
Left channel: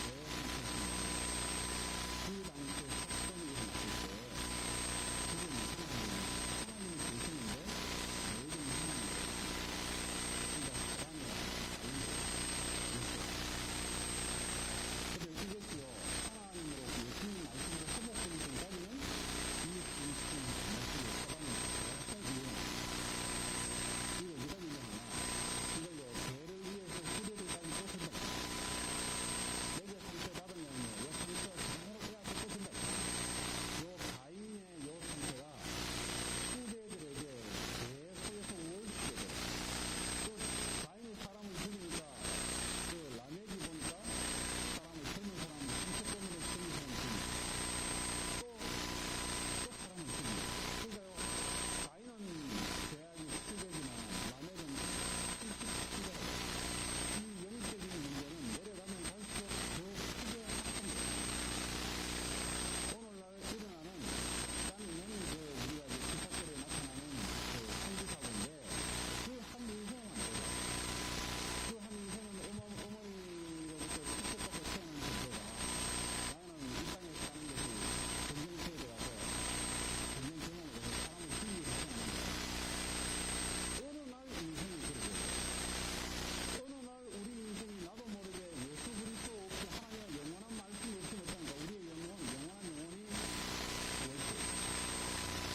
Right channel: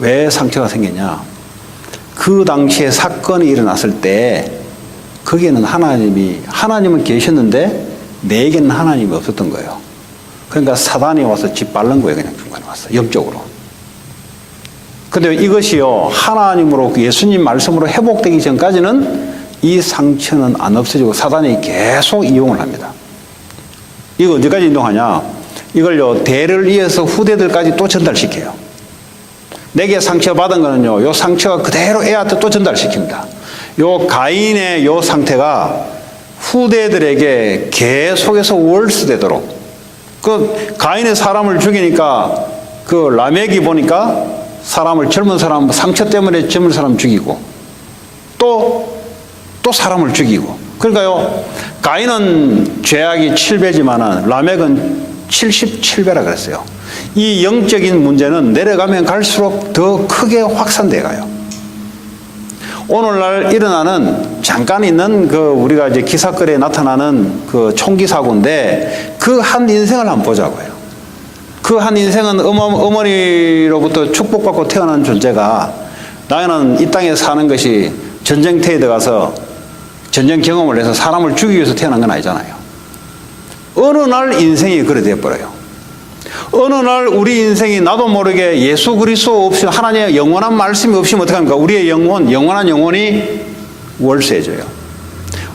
왜 상처가 생기냐? 그 당시에 사건이 일어났을 때 거기에는 하나님은 계셨는데 내게는 하나님이 없었던 거예요. 그러니까 사단이 와서 짓밟는 거예요. 그냥 중간에 와서 영적으로. 근데 이것이요 하나님으로 예수님 말씀으로 회복되기 전까지는 이 상처는 안 없어지고 사단이 계속 이용을 합니다. 이거 언제까지 인도하냐? 이걸요 대를 이어서 후대들까지 또 전달시켜요. 내게 상처받은 거는요 요 상처가 그대로 애한테 또 전달시킵니다. 요 가인의 요 상태가 후대들에게 계속해서 월수되도록 그 가인의 사람을 죽이니까 그 라멕이 보니까 사람을 젊은 사람 상처 때문에 젊은 사람 죽이고 또 사람을 죽이고 그러니까요 가인은 죄악이 7배지만은 라멕은 77배라 그랬어요. 이 영적인 문제는 내려가면 갈수록 더 크게 확산돼 가요. 오늘날 일어나는 잠깐 있는 그 우리가 이제 기사거리에 나타나는 그 총기 사고인데 그 한 인생을 한번 보자고요. 그 한 인생은 어머니로부터 축복받고 태어난 존재가 나는 이 땅에 사는 것이 전쟁터에 들어가서 전쟁 경험을 해서 사람을 죽이기 위해서 태어난 건 아니잖아요. 어느 날 인생이 그래 되어버려요. 어느 날 우리 인생이 나도 모르게 예수 그리스도 없이 하나님의 영원한 말씀이 없으면 어떡합니까? 우리의 영원한 영혼이 월세져요.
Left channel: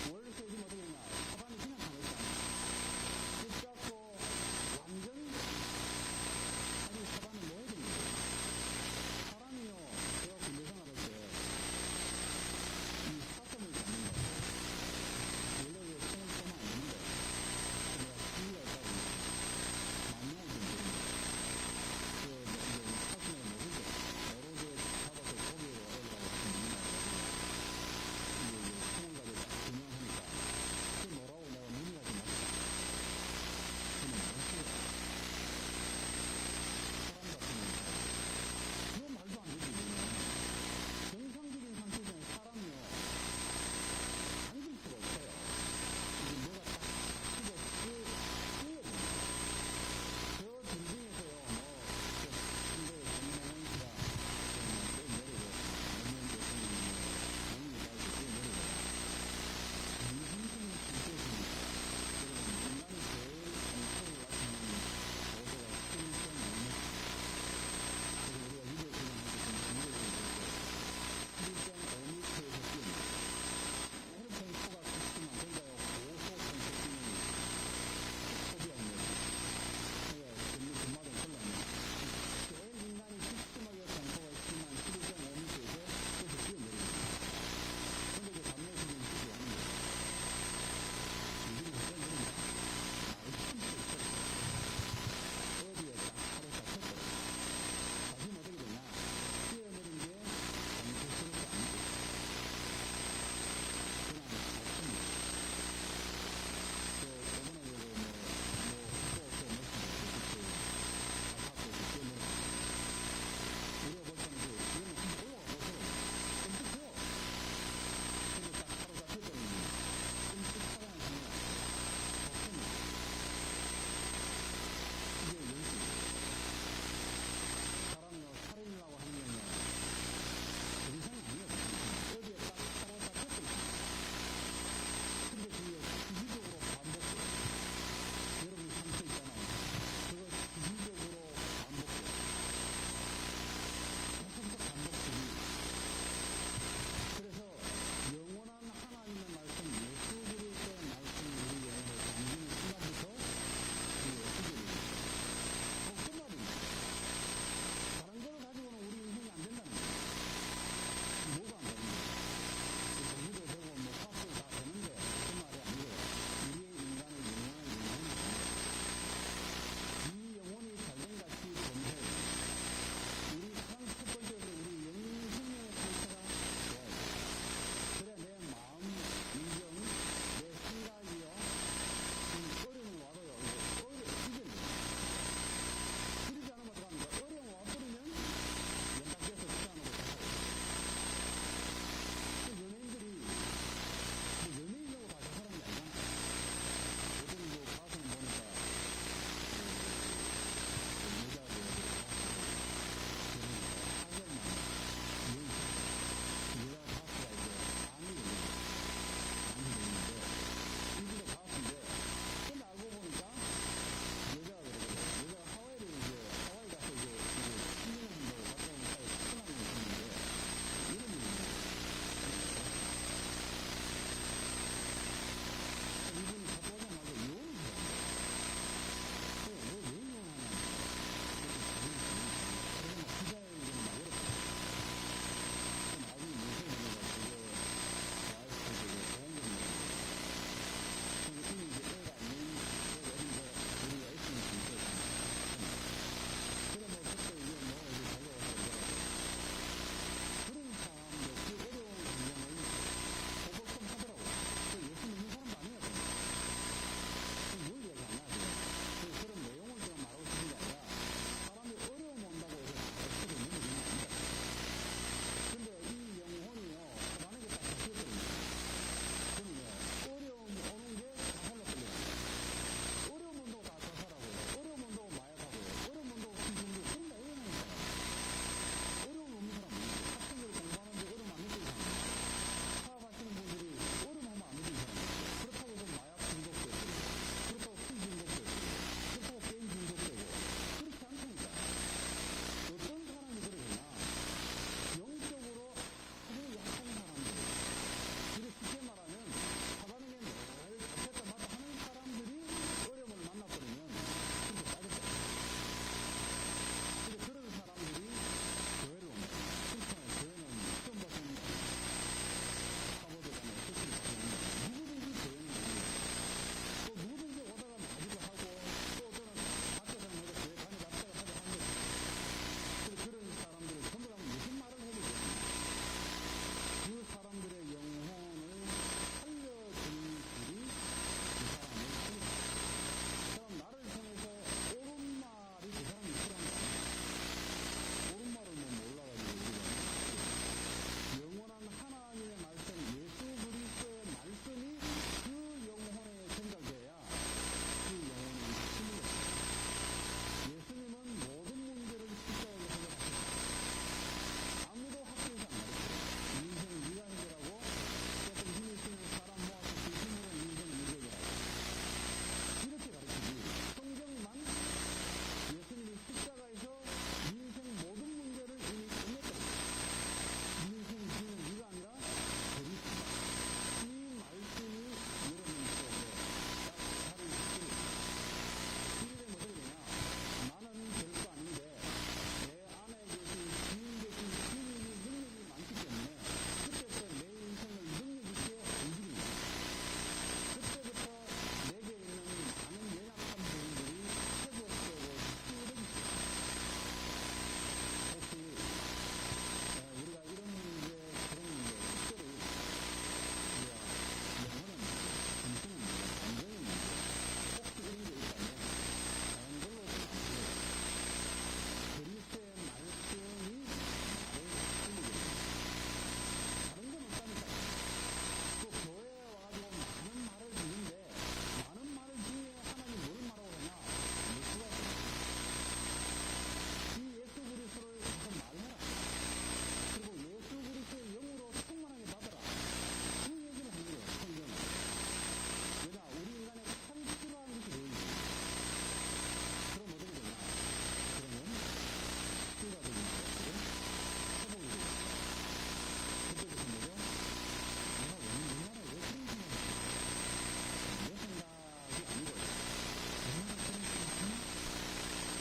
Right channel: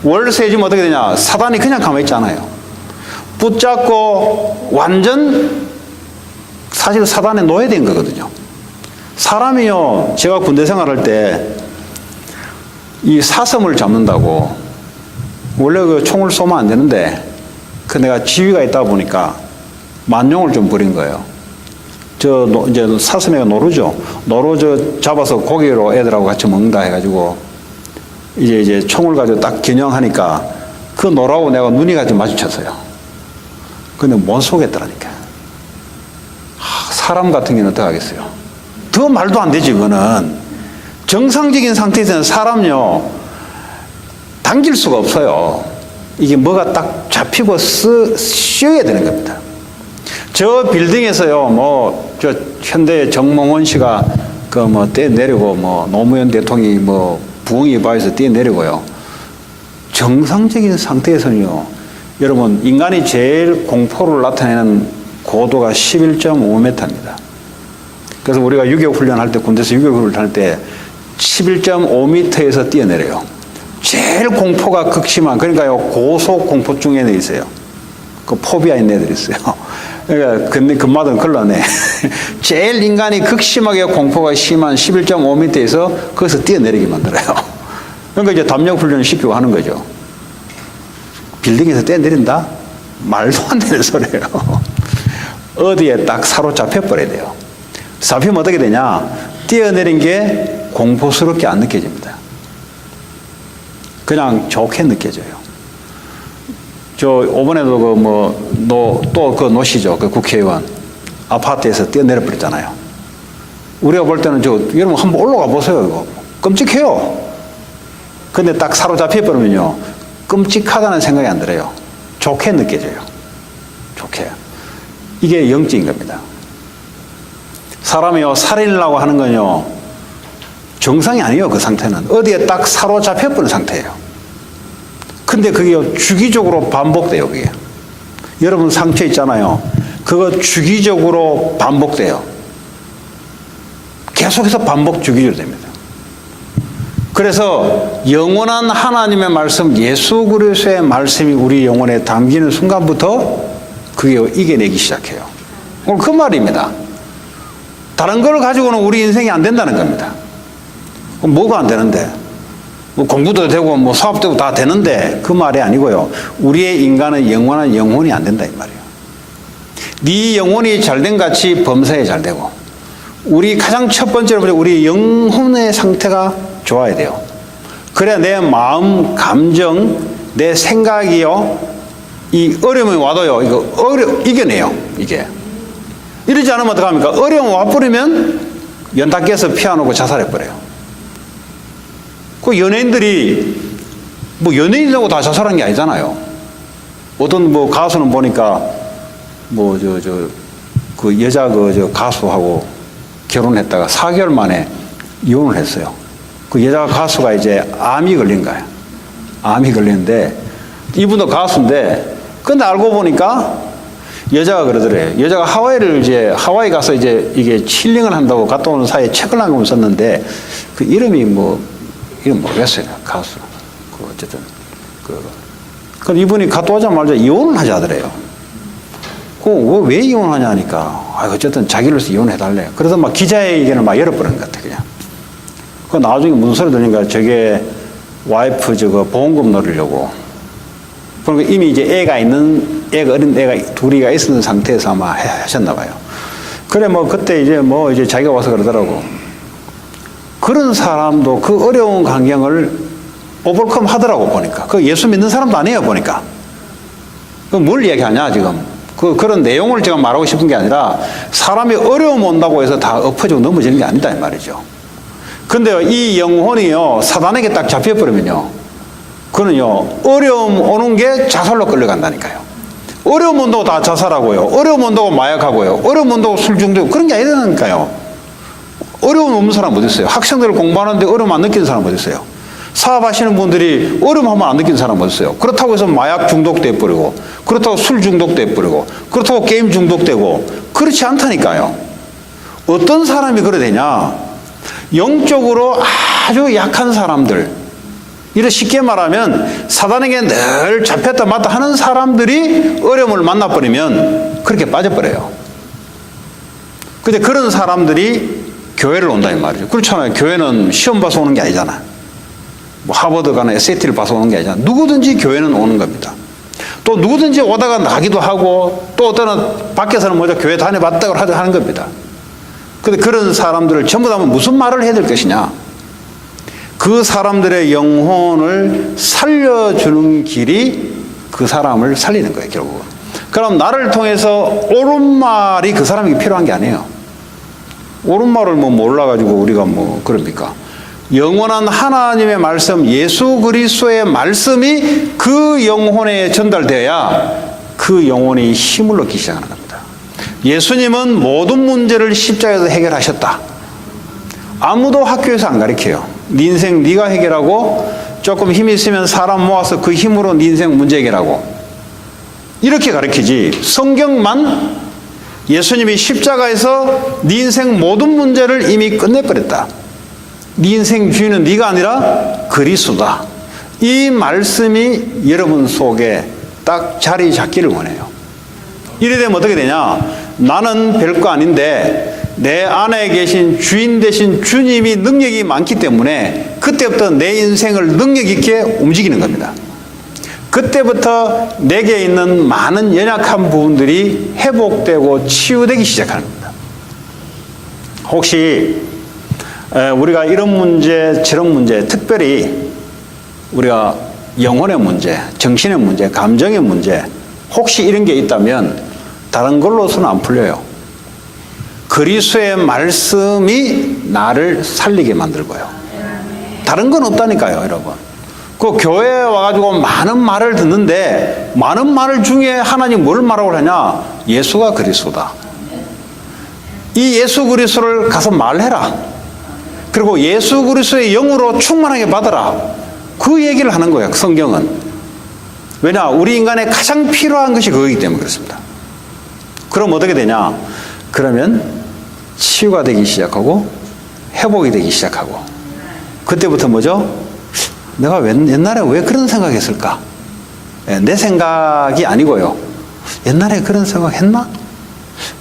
월세지면 어떻게 되냐? 사단이 그냥 가만히 있지 않아요. 붙잡고 완전 사실 사단에 노예된 거거든요. 사람이요, 제가 군대 생활할 때 이 사슴을 잡는다고 원래 그 총을 쏘면 안 되는데 그 내가 지위가 있다 보니까 만용을 좀 부린 거예요. 이제 사슴애가 노루죠. 노루 잡아서 고기로 애들하고 같이 먹는다 해가지고 이제 총을 가지고 딱 겨냥하니까 그 노루하고 내가 눈이 같이 마주쳤어요. 근데 못 쏘겠더라니까. 사람 같은 경우는 어떻게 하겠어요? 더 말도 안 되지, 그거는. 정상적인 상태에서는 사람요, 당길 수가 없어요. 이게 뭐가 딱 잡히고 쉬어야 되는 겁니다. 저 빌딩에서요, 저 현대의 정몽원 씨가 뛰어내리고, 노무현 대통령이 부엉이 바위에서 뛰어내리고요. 정상적인 상태에서는요, 여러분, 인간이 제일 공포를 나타내는 고도가 11.5m입니다. 그래서 우리가 유격 훈련할 때, 군대에서 유격 훈련할 때 11.5m에서 뛰어내려요. 제일 공포가 극심한, 그러니까요, 고속 공포증에 있어요. 그 포비아 있는 애들이 있어요. 그러니까 금마든 걸러내. 제일 인간이 극심하게 공포가 심한 11.5m에서 거기서 뛰어내리게 만들어요. 그러니까 이제 담력 훈련을 시키고 하는 거죠. 빌딩에서 뛰어내린다? 말도 안 되는 소리예요. 어디에 딱 사로잡혀 버려야 돼요. 잡히면 어떻게 되냐? 뛰어내린 게 공포스럽게 안 느껴집니다. 그냥 좋게 느껴져요. 저 이번에도 그 노시죠. 그 국회의원 아파트에서 뛰어내려 버렸잖아요. 우리가 볼 때는 여러분 한번 올라가 보세요. 이거 끔찍해요. 근데 딱 사로잡혀 버리면요, 끔찍하다는 생각이 안 들어요. 좋게 느껴져요. 좋게. 이게 영적인 겁니다. 사람이요, 살인이라고 하는 건요, 정상이 아니에요. 그 상태는 어디에 딱 사로잡혀버린 상태예요. 근데 그게 주기적으로 반복돼요. 그게 여러분 상처 있잖아요. 그거 주기적으로 반복돼요. 계속해서 반복 주기적으로 됩니다. 그래서 영원한 하나님의 말씀, 예수 그리스도의 말씀이 우리 영혼에 담기는 순간부터 그게 이겨내기 시작해요. 오늘 그 말입니다. 다른 걸 가지고는 우리 인생이 안 된다는 겁니다. 뭐가 안 되는데? 뭐 공부도 되고 뭐 사업도 되고 다 되는데 그 말이 아니고요. 우리의 인간은 영원한 영혼이 안 된다 이 말이에요. 네 영혼이 잘된 같이 범사에 잘 되고, 우리 가장 첫 번째로 우리 영혼의 상태가 좋아야 돼요. 그래야 내 마음, 감정, 내 생각이요, 이 어려움이 와도요, 이거 이겨내요. 이게 이러지 않으면 어떡합니까? 어려움 와버리면 연타 깨서 피아노고 자살해버려요. 그 연예인들이 뭐 연예인이라고 다 자살한 게 아니잖아요. 어떤 뭐 가수는 보니까 뭐 그 여자 그 가수하고 결혼했다가 4개월 만에 이혼을 했어요. 그 여자 가수가 이제 암이 걸린 거예요. 암이 걸렸는데 이분도 가수인데, 근데 알고 보니까 여자가 그러더래요. 여자가 하와이 가서 이제 이게 힐링을 한다고 갔다 오는 사이에 책을 한 권 썼는데 그 이름이 이름 모르겠어요. 가수. 어쨌든 그럼 이분이 갔다 오자마자 이혼을 하자 하더래요. 왜 이혼하냐 하니까 어쨌든 자기로서 이혼해달래. 그래서 막 기자회견을 막 열어버리는 것 같아. 그냥. 그 나중에 무슨 소리 들으니까 저게 와이프 보험금 넣으려고. 그러니까 이미 이제 어린 애가 둘이가 있는 상태에서 아마 하셨나 봐요. 그래 뭐 그때 이제 자기가 와서 그러더라고. 그런 사람도 그 어려운 환경을 오버컴 하더라고 보니까. 그 예수 믿는 사람도 아니에요 보니까. 그 뭘 얘기하냐 지금. 그런 내용을 제가 말하고 싶은 게 아니라 사람이 어려움 온다고 해서 다 엎어지고 넘어지는 게 아니다 이 말이죠. 근데 이 영혼이요, 사단에게 딱 잡혀버리면요, 그는요, 어려움 오는 게 자살로 끌려간다니까요. 어려움 온다고 다 자살하고요, 어려움 온다고 마약하고요, 어려움 온다고 술 중독, 그런 게 아니라니까요. 어려움 없는 사람 어디 있어요? 학생들 공부하는데 어려움 안 느끼는 사람 어디 있어요? 사업하시는 분들이 어려움 하면 안 느끼는 사람 어디 있어요? 그렇다고 해서 마약 중독돼 버리고, 그렇다고 술 중독돼 버리고, 그렇다고 게임 중독되고, 그렇지 않다니까요. 어떤 사람이 그래 되냐? 영적으로 아주 약한 사람들, 이렇게 쉽게 말하면 사단에게 늘 잡혔다 맞다 하는 사람들이 어려움을 만나버리면 그렇게 빠져버려요. 근데 그런 사람들이 교회를 온다 이 말이죠. 그렇잖아요. 교회는 시험 봐서 오는 게 아니잖아. 뭐 하버드 가는 SAT를 봐서 오는 게 아니잖아. 누구든지 교회는 오는 겁니다. 또 누구든지 오다가 나기도 하고, 또 어떤 밖에서는 먼저 교회 다녀봤다고 하는 겁니다. 근데 그런 사람들을 전부 다 무슨 말을 해야 될 것이냐? 그 사람들의 영혼을 살려주는 길이 그 사람을 살리는 거예요, 결국은. 그럼 나를 통해서 옳은 말이 그 사람에게 필요한 게 아니에요. 옳은 말을 뭐 몰라가지고 우리가 뭐 그럽니까? 영원한 하나님의 말씀, 예수 그리스도의 말씀이 그 영혼에 전달되어야 그 영혼이 힘을 얻기 시작하는 겁니다. 예수님은 모든 문제를 십자가에서 해결하셨다. 아무도 학교에서 안 가르쳐요. 네 인생 네가 해결하고, 조금 힘이 있으면 사람 모아서 그 힘으로 네 인생 문제 해결하고, 이렇게 가르치지. 성경만 예수님이 십자가에서 네 인생 모든 문제를 이미 끝내버렸다. 네 인생 주인은 네가 아니라 그리스도다. 이 말씀이 여러분 속에 딱 자리 잡기를 원해요. 이래 되면 어떻게 되냐? 나는 별거 아닌데 내 안에 계신 주인 되신 주님이 능력이 많기 때문에 그때부터 내 인생을 능력 있게 움직이는 겁니다. 그때부터 내게 있는 많은 연약한 부분들이 회복되고 치유되기 시작하는 겁니다. 혹시 우리가 이런 문제, 저런 문제, 특별히 우리가 영혼의 문제, 정신의 문제, 감정의 문제, 혹시 이런 게 있다면 다른 걸로서는 안 풀려요. 그리스도의 말씀이 나를 살리게 만들고요. 다른 건 없다니까요, 여러분. 그 교회에 와가지고 많은 말을 듣는데, 많은 말 중에 하나님 뭘 말하고 하냐? 예수가 그리스도다. 이 예수 그리스도를 가서 말해라. 그리고 예수 그리스도의 영으로 충만하게 받아라. 그 얘기를 하는 거예요, 성경은. 왜냐? 우리 인간에 가장 필요한 것이 그거기 때문에 그렇습니다. 그럼 어떻게 되냐? 그러면 치유가 되기 시작하고 회복이 되기 시작하고, 그때부터 뭐죠? 내가 옛날에 왜 그런 생각했을까? 내 생각이 아니고요. 옛날에 그런 생각 했나?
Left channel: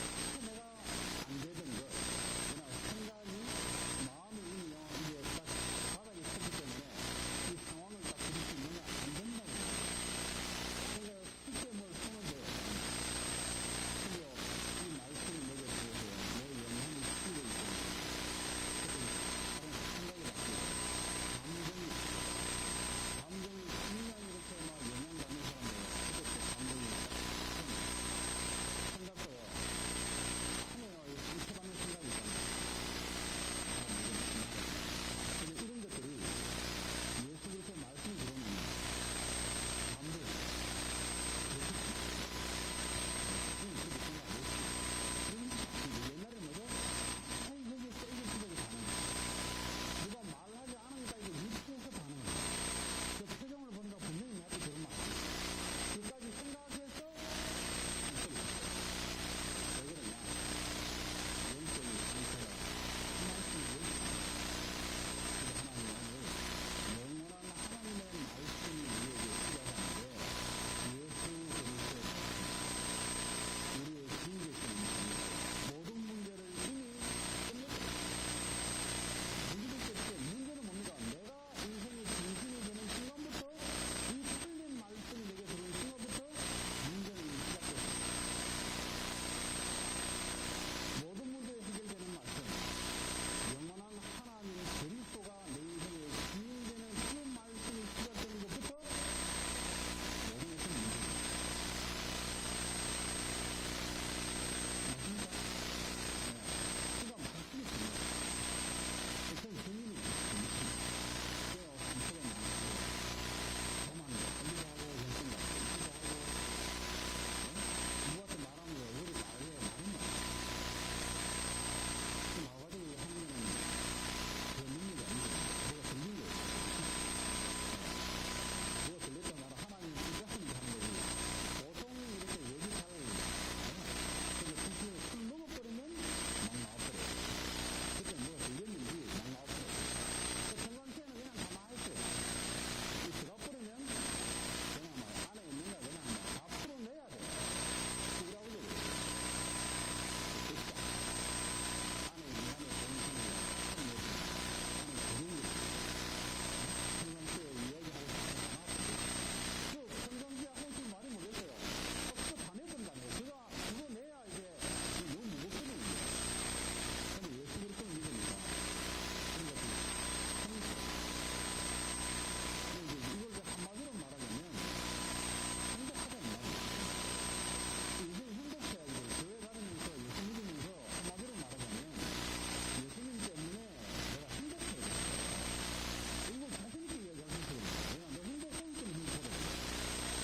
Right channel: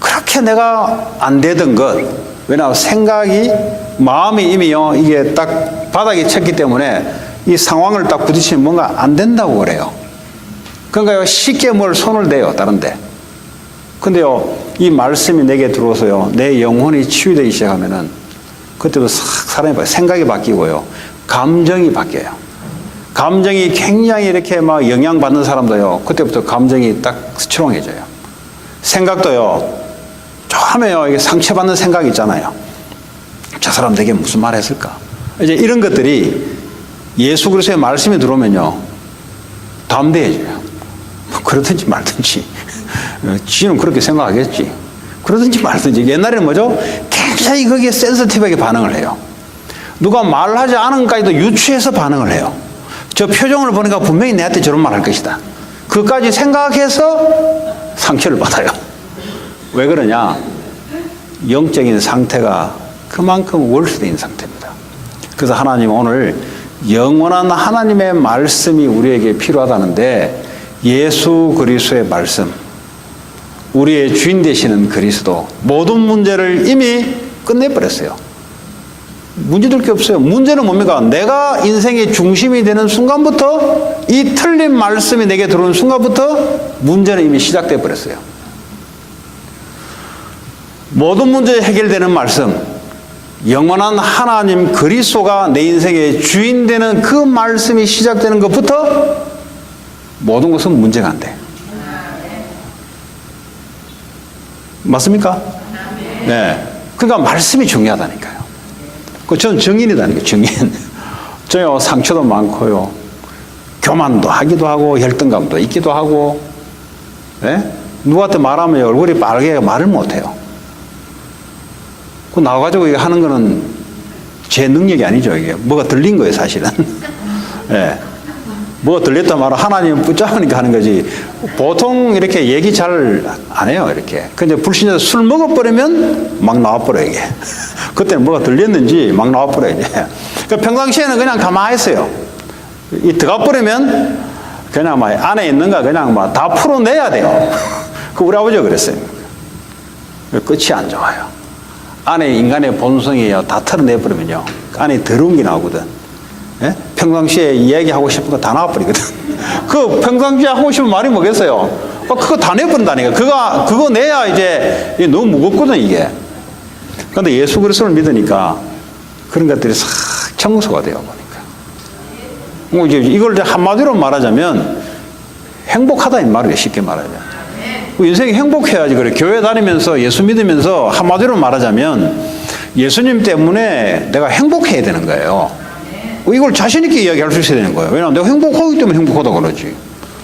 그렇게 내가 안 되던 것. 왜냐하면 생각이, 마음이 이미요, 이게 딱 바닥에 쳤기 때문에 이 상황을 딱 부딪히면 뭔가 안 된다고 그래요. 그러니까 쉽게 뭘 손을 대요, 다른데. 근데요, 이 말씀이 내게 들어오서요, 내 영혼이 치유되기 시작하면은, 그때도 사람이 생각이 바뀌고요, 감정이 바뀌어요. 감정이 굉장히 이렇게 막 영향받는 사람도요, 그때부터 감정이 딱 스트롱해져요. 생각도요, 처음에요, 이게 상처받는 생각 있잖아요. 저 사람 내게 무슨 말 했을까? 이제 이런 것들이 예수 그리스도의 말씀이 들어오면요, 담대해져요. 그러든지 말든지. 지는 그렇게 생각하겠지. 그러든지 말든지. 옛날에는 뭐죠? 굉장히 거기에 센서티브하게 반응을 해요. 누가 말하지 않은 것까지도 유추해서 반응을 해요. 저 표정을 보니까 분명히 내한테 저런 말 할 것이다. 그것까지 생각해서 상처를 받아요. 왜 그러냐? 영적인 상태가 그만큼 월수된 상태입니다. 그래서 하나님 오늘 영원한 하나님의 말씀이 우리에게 필요하다는데, 예수 그리스도의 말씀, 우리의 주인 되시는 그리스도, 모든 문제를 이미 끝내버렸어요. 문제될 게 없어요. 문제는 뭡니까? 내가 인생의 중심이 되는 순간부터, 이 틀린 말씀이 내게 들어오는 순간부터 문제는 이미 시작돼 버렸어요. 모든 문제 해결되는 말씀, 영원한 하나님 그리스도가 내 인생의 주인 되는 그 말씀이 시작되는 것부터 모든 것은 문제가 안 돼. 맞습니까? 네. 그러니까 말씀이 중요하다니까요. 저는 정인이다니까요, 정인. 저요, 상처도 많고요, 교만도 하기도 하고, 혈등감도 있기도 하고, 네? 누구한테 말하면 얼굴이 빨개서 말을 못해요. 그 나와가지고 이거 하는 거는 제 능력이 아니죠, 이게. 뭐가 들린 거예요, 사실은. 네. 뭐가 들렸다 말아 하나님은 붙잡으니까 하는 거지. 보통 이렇게 얘기 잘 안 해요, 이렇게. 근데 불신자들 술 먹어버리면 막 나와버려요, 이게. 그때는 뭐가 들렸는지 막 나와버려요, 이제. 그러니까 평상시에는 그냥 가만히 있어요. 이 들어가버리면 그냥 막 안에 있는 거 그냥 막 다 풀어내야 돼요. 그 우리 아버지가 그랬어요. 끝이 안 좋아요. 안에 인간의 본성이요, 다 털어내버리면요, 안에 더러운 게 나오거든. 예? 평상시에 이야기하고 싶은 거 다 나와버리거든. 그 평상시에 하고 싶은 말이 뭐겠어요? 그거 다 내버린다니까. 그거 내야 이제 너무 무겁거든, 이게. 그런데 예수 그리스도를 믿으니까 그런 것들이 싹 청소가 되어 보니까. 이제 이걸 한마디로 말하자면 행복하다 이 말이에요, 쉽게 말하자면. 인생이 행복해야지. 그래. 교회 다니면서 예수 믿으면서 한마디로 말하자면 예수님 때문에 내가 행복해야 되는 거예요. 이걸 자신 있게 이야기할 수 있어야 되는 거예요. 왜냐하면 내가 행복하기 때문에 행복하다고 그러지.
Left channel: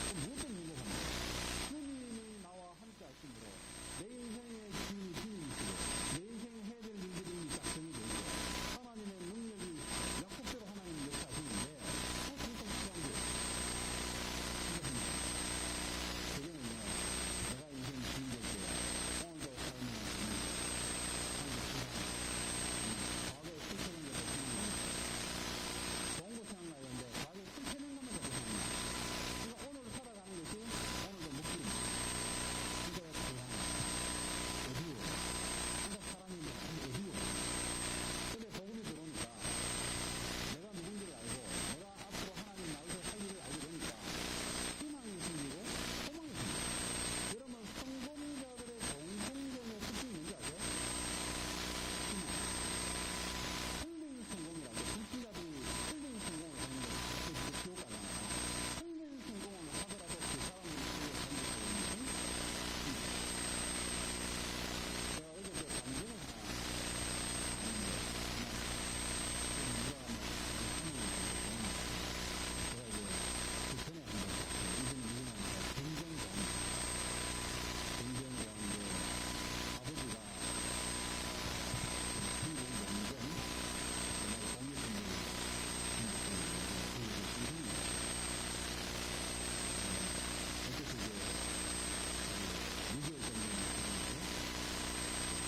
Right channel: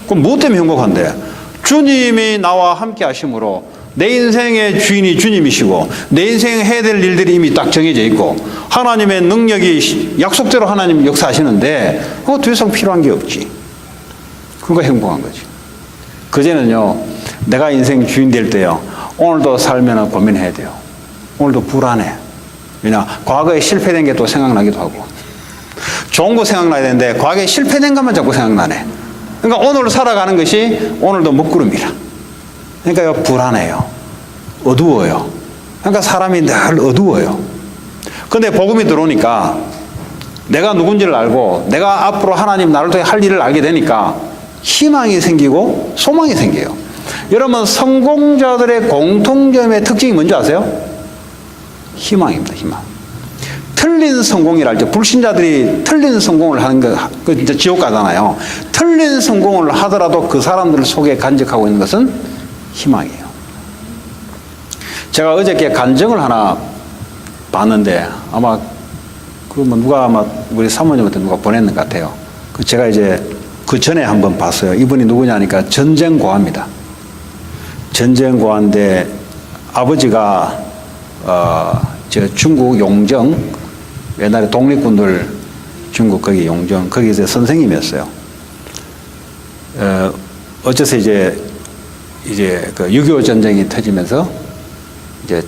그럼 무엇 때문에 행복한데? 주님이 나와 함께 하심으로 내 인생의 주인이 주님이시고, 내 인생에 해야 될 일들이 이미 딱 정해져 있고, 하나님의 능력이 약속대로 하나님 역사하시는데 그거 더 이상 필요한 게 없지. 그거 행복한 거지. 그제는요, 내가 인생 주인 될 때요, 오늘도 살면 고민해야 돼요. 오늘도 불안해. 왜냐, 과거에 실패된 게 또 생각나기도 하고, 좋은 거 생각나야 되는데 과거에 실패된 것만 자꾸 생각나네. 그러니까 오늘 살아가는 것이 오늘도 먹구름이라. 그러니까 불안해요. 어두워요. 그러니까 사람이 늘 어두워요. 그런데 복음이 들어오니까 내가 누군지를 알고, 내가 앞으로 하나님 나를 통해 할 일을 알게 되니까 희망이 생기고 소망이 생겨요. 여러분, 성공자들의 공통점의 특징이 뭔지 아세요? 희망입니다, 희망. 틀린 성공이라 할때, 불신자들이 틀린 성공을 하는 거, 그 이제 지옥 가잖아요. 틀린 성공을 하더라도 그 사람들 속에 간직하고 있는 것은 희망이에요. 제가 어저께 간증을 하나 봤는데, 아마 누가 아마 우리 사모님한테 누가 보냈는 것 같아요. 제가 이제 그 전에 한번 봤어요. 이분이 누구냐니까 전쟁고아입니다. 전쟁고아인데 아버지가 저 중국 용정, 옛날에 독립군들 중국 거기 용정, 거기서 선생님이었어요. 어째서 이제 그 6.25 전쟁이 터지면서 이제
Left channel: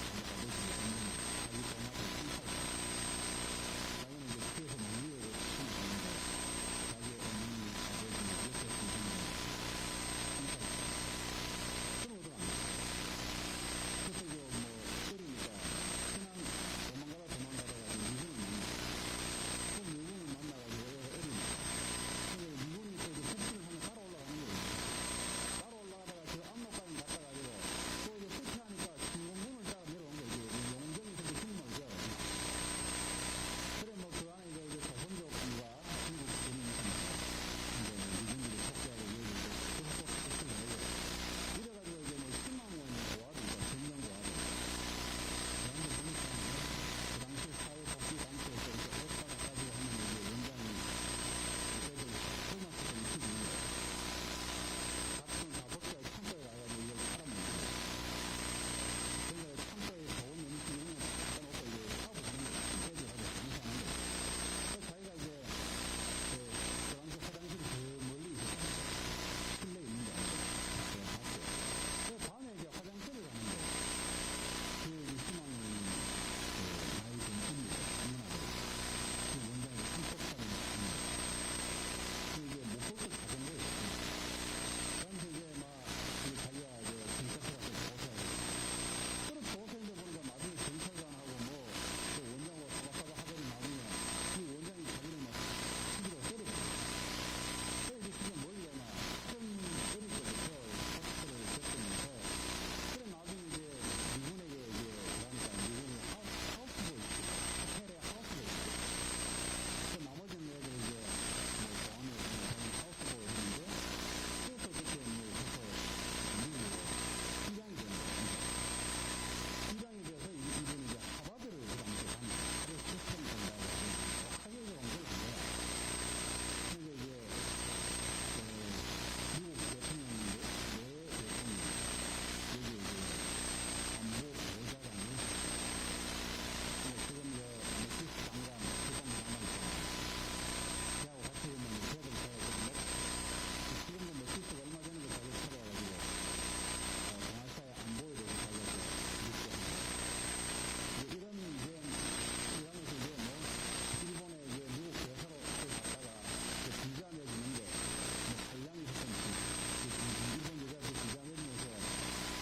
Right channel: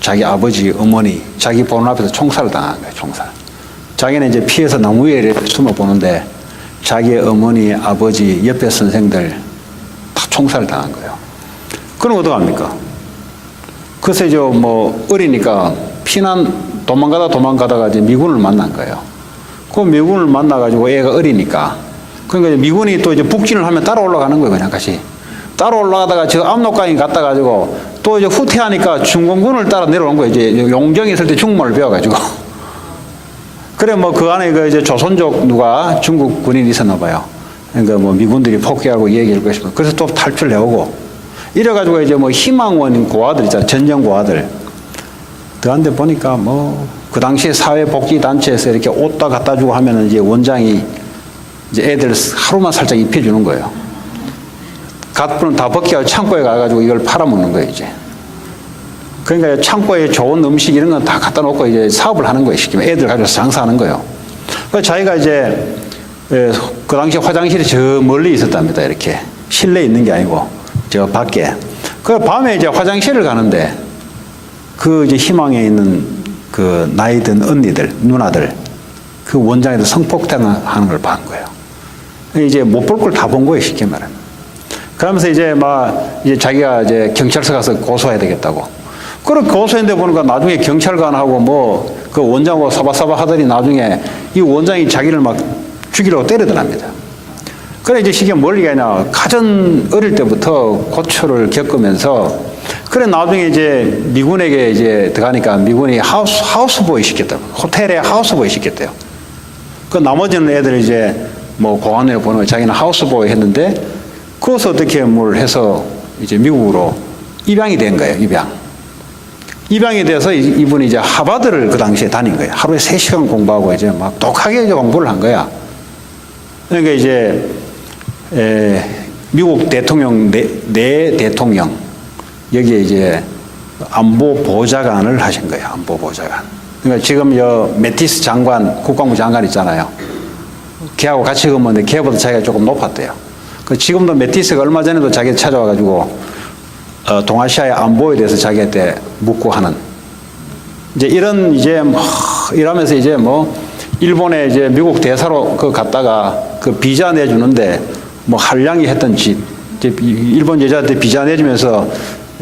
자기 아버지, 어머니, 자기 보는 앞에서 총살을 당한 거예요, 총살. 자기는 이제 피해서 나무 위에 숨어 보는데 자기의 어머니, 아버지, 옆에 선생들 다 총살을 당한 거예요. 그럼 어떡합니까? 그래서 이제 뭐 어리니까 도망가다가 이제 미군을 만난 거예요. 그 미군을 만나가지고 애가 어리니까. 그러니까 이제 미군이 또 이제 북진을 하면 따라 올라가는 거예요, 그냥 같이. 따라 올라가다가 저 압록강에 갔다가지고 또 이제 후퇴하니까 중공군을 따라 내려온 거예요. 이제 용정에 있을 때 중국말을 배워가지고. 그래 뭐 그 안에 그 이제 조선족 누가 중국 군인이 있었나 봐요. 그러니까 뭐 미군들이 폭격하고 얘기할 것이고. 그래서 또 탈출을 해오고. 이래가지고 이제 뭐 희망원 고아들 있잖아요. 전쟁 고아들. 그런데 보니까 뭐 그 당시에 사회복지단체에서 이렇게 옷 다 갖다 주고 하면은 이제 원장이 이제 애들 하루만 살짝 입혀주는 거예요. 갓불은 다 벗겨서 창고에 가가지고 이걸 팔아먹는 거예요, 이제. 그러니까 창고에 좋은 음식 이런 건 다 갖다 놓고 이제 사업을 하는 거예요, 시키면. 애들 가져서 장사하는 거예요. 그래서 자기가 이제 그 당시 화장실이 저 멀리 있었답니다, 이렇게. 실내에 있는 게 아니고, 저 밖에. 그 밤에 이제 화장실을 가는데 그 이제 희망에 있는 그 나이 든 언니들, 누나들, 그 원장에도 성폭행하는 걸 본 거예요. 이제 못 볼 걸 다 본 거예요, 쉽게 말하면. 그러면서 이제 이제 자기가 이제 경찰서 가서 고소해야 되겠다고. 그렇게 고소했는데 보니까 나중에 경찰관하고 뭐 그 원장하고 사바사바 하더니 나중에 이 원장이 자기를 막 죽이려고 때리더랍니다. 그래 이제 시계 멀리 가냐. 가장 어릴 때부터 고초를 겪으면서 그래 나중에 이제 미군에게 이제 들어가니까 미군이 하우스보이 시켰다고. 호텔에 하우스보이 시켰대요. 그 나머지는 애들 이제 뭐 공안에 보는 거 자기는 하우스보이 했는데 그것을 어떻게 뭘 해서 이제 미국으로 입양이 된 거예요, 입양. 입양이 돼서 이분이 이제 하버드를 그 당시에 다닌 거예요. 하루에 3시간 공부하고 이제 막 독하게 이제 공부를 한 거야. 그러니까 이제 미국 대통령 내 대통령 여기에 이제 안보 보좌관을 하신 거예요. 안보 보좌관. 그러니까 지금 매티스 장관, 국방부 장관 있잖아요. 걔하고 같이 근무했는데 걔보다 자기가 조금 높았대요. 지금도 매티스가 얼마 전에도 자기 찾아와가지고 동아시아의 안보에 대해서 자기한테 묻고 하는 이제 이런 이제 이러면서 이제 뭐 일본에 이제 미국 대사로 갔다가 그 비자 내주는데 뭐 한량이 했던 짓 이제 일본 여자한테 비자 내주면서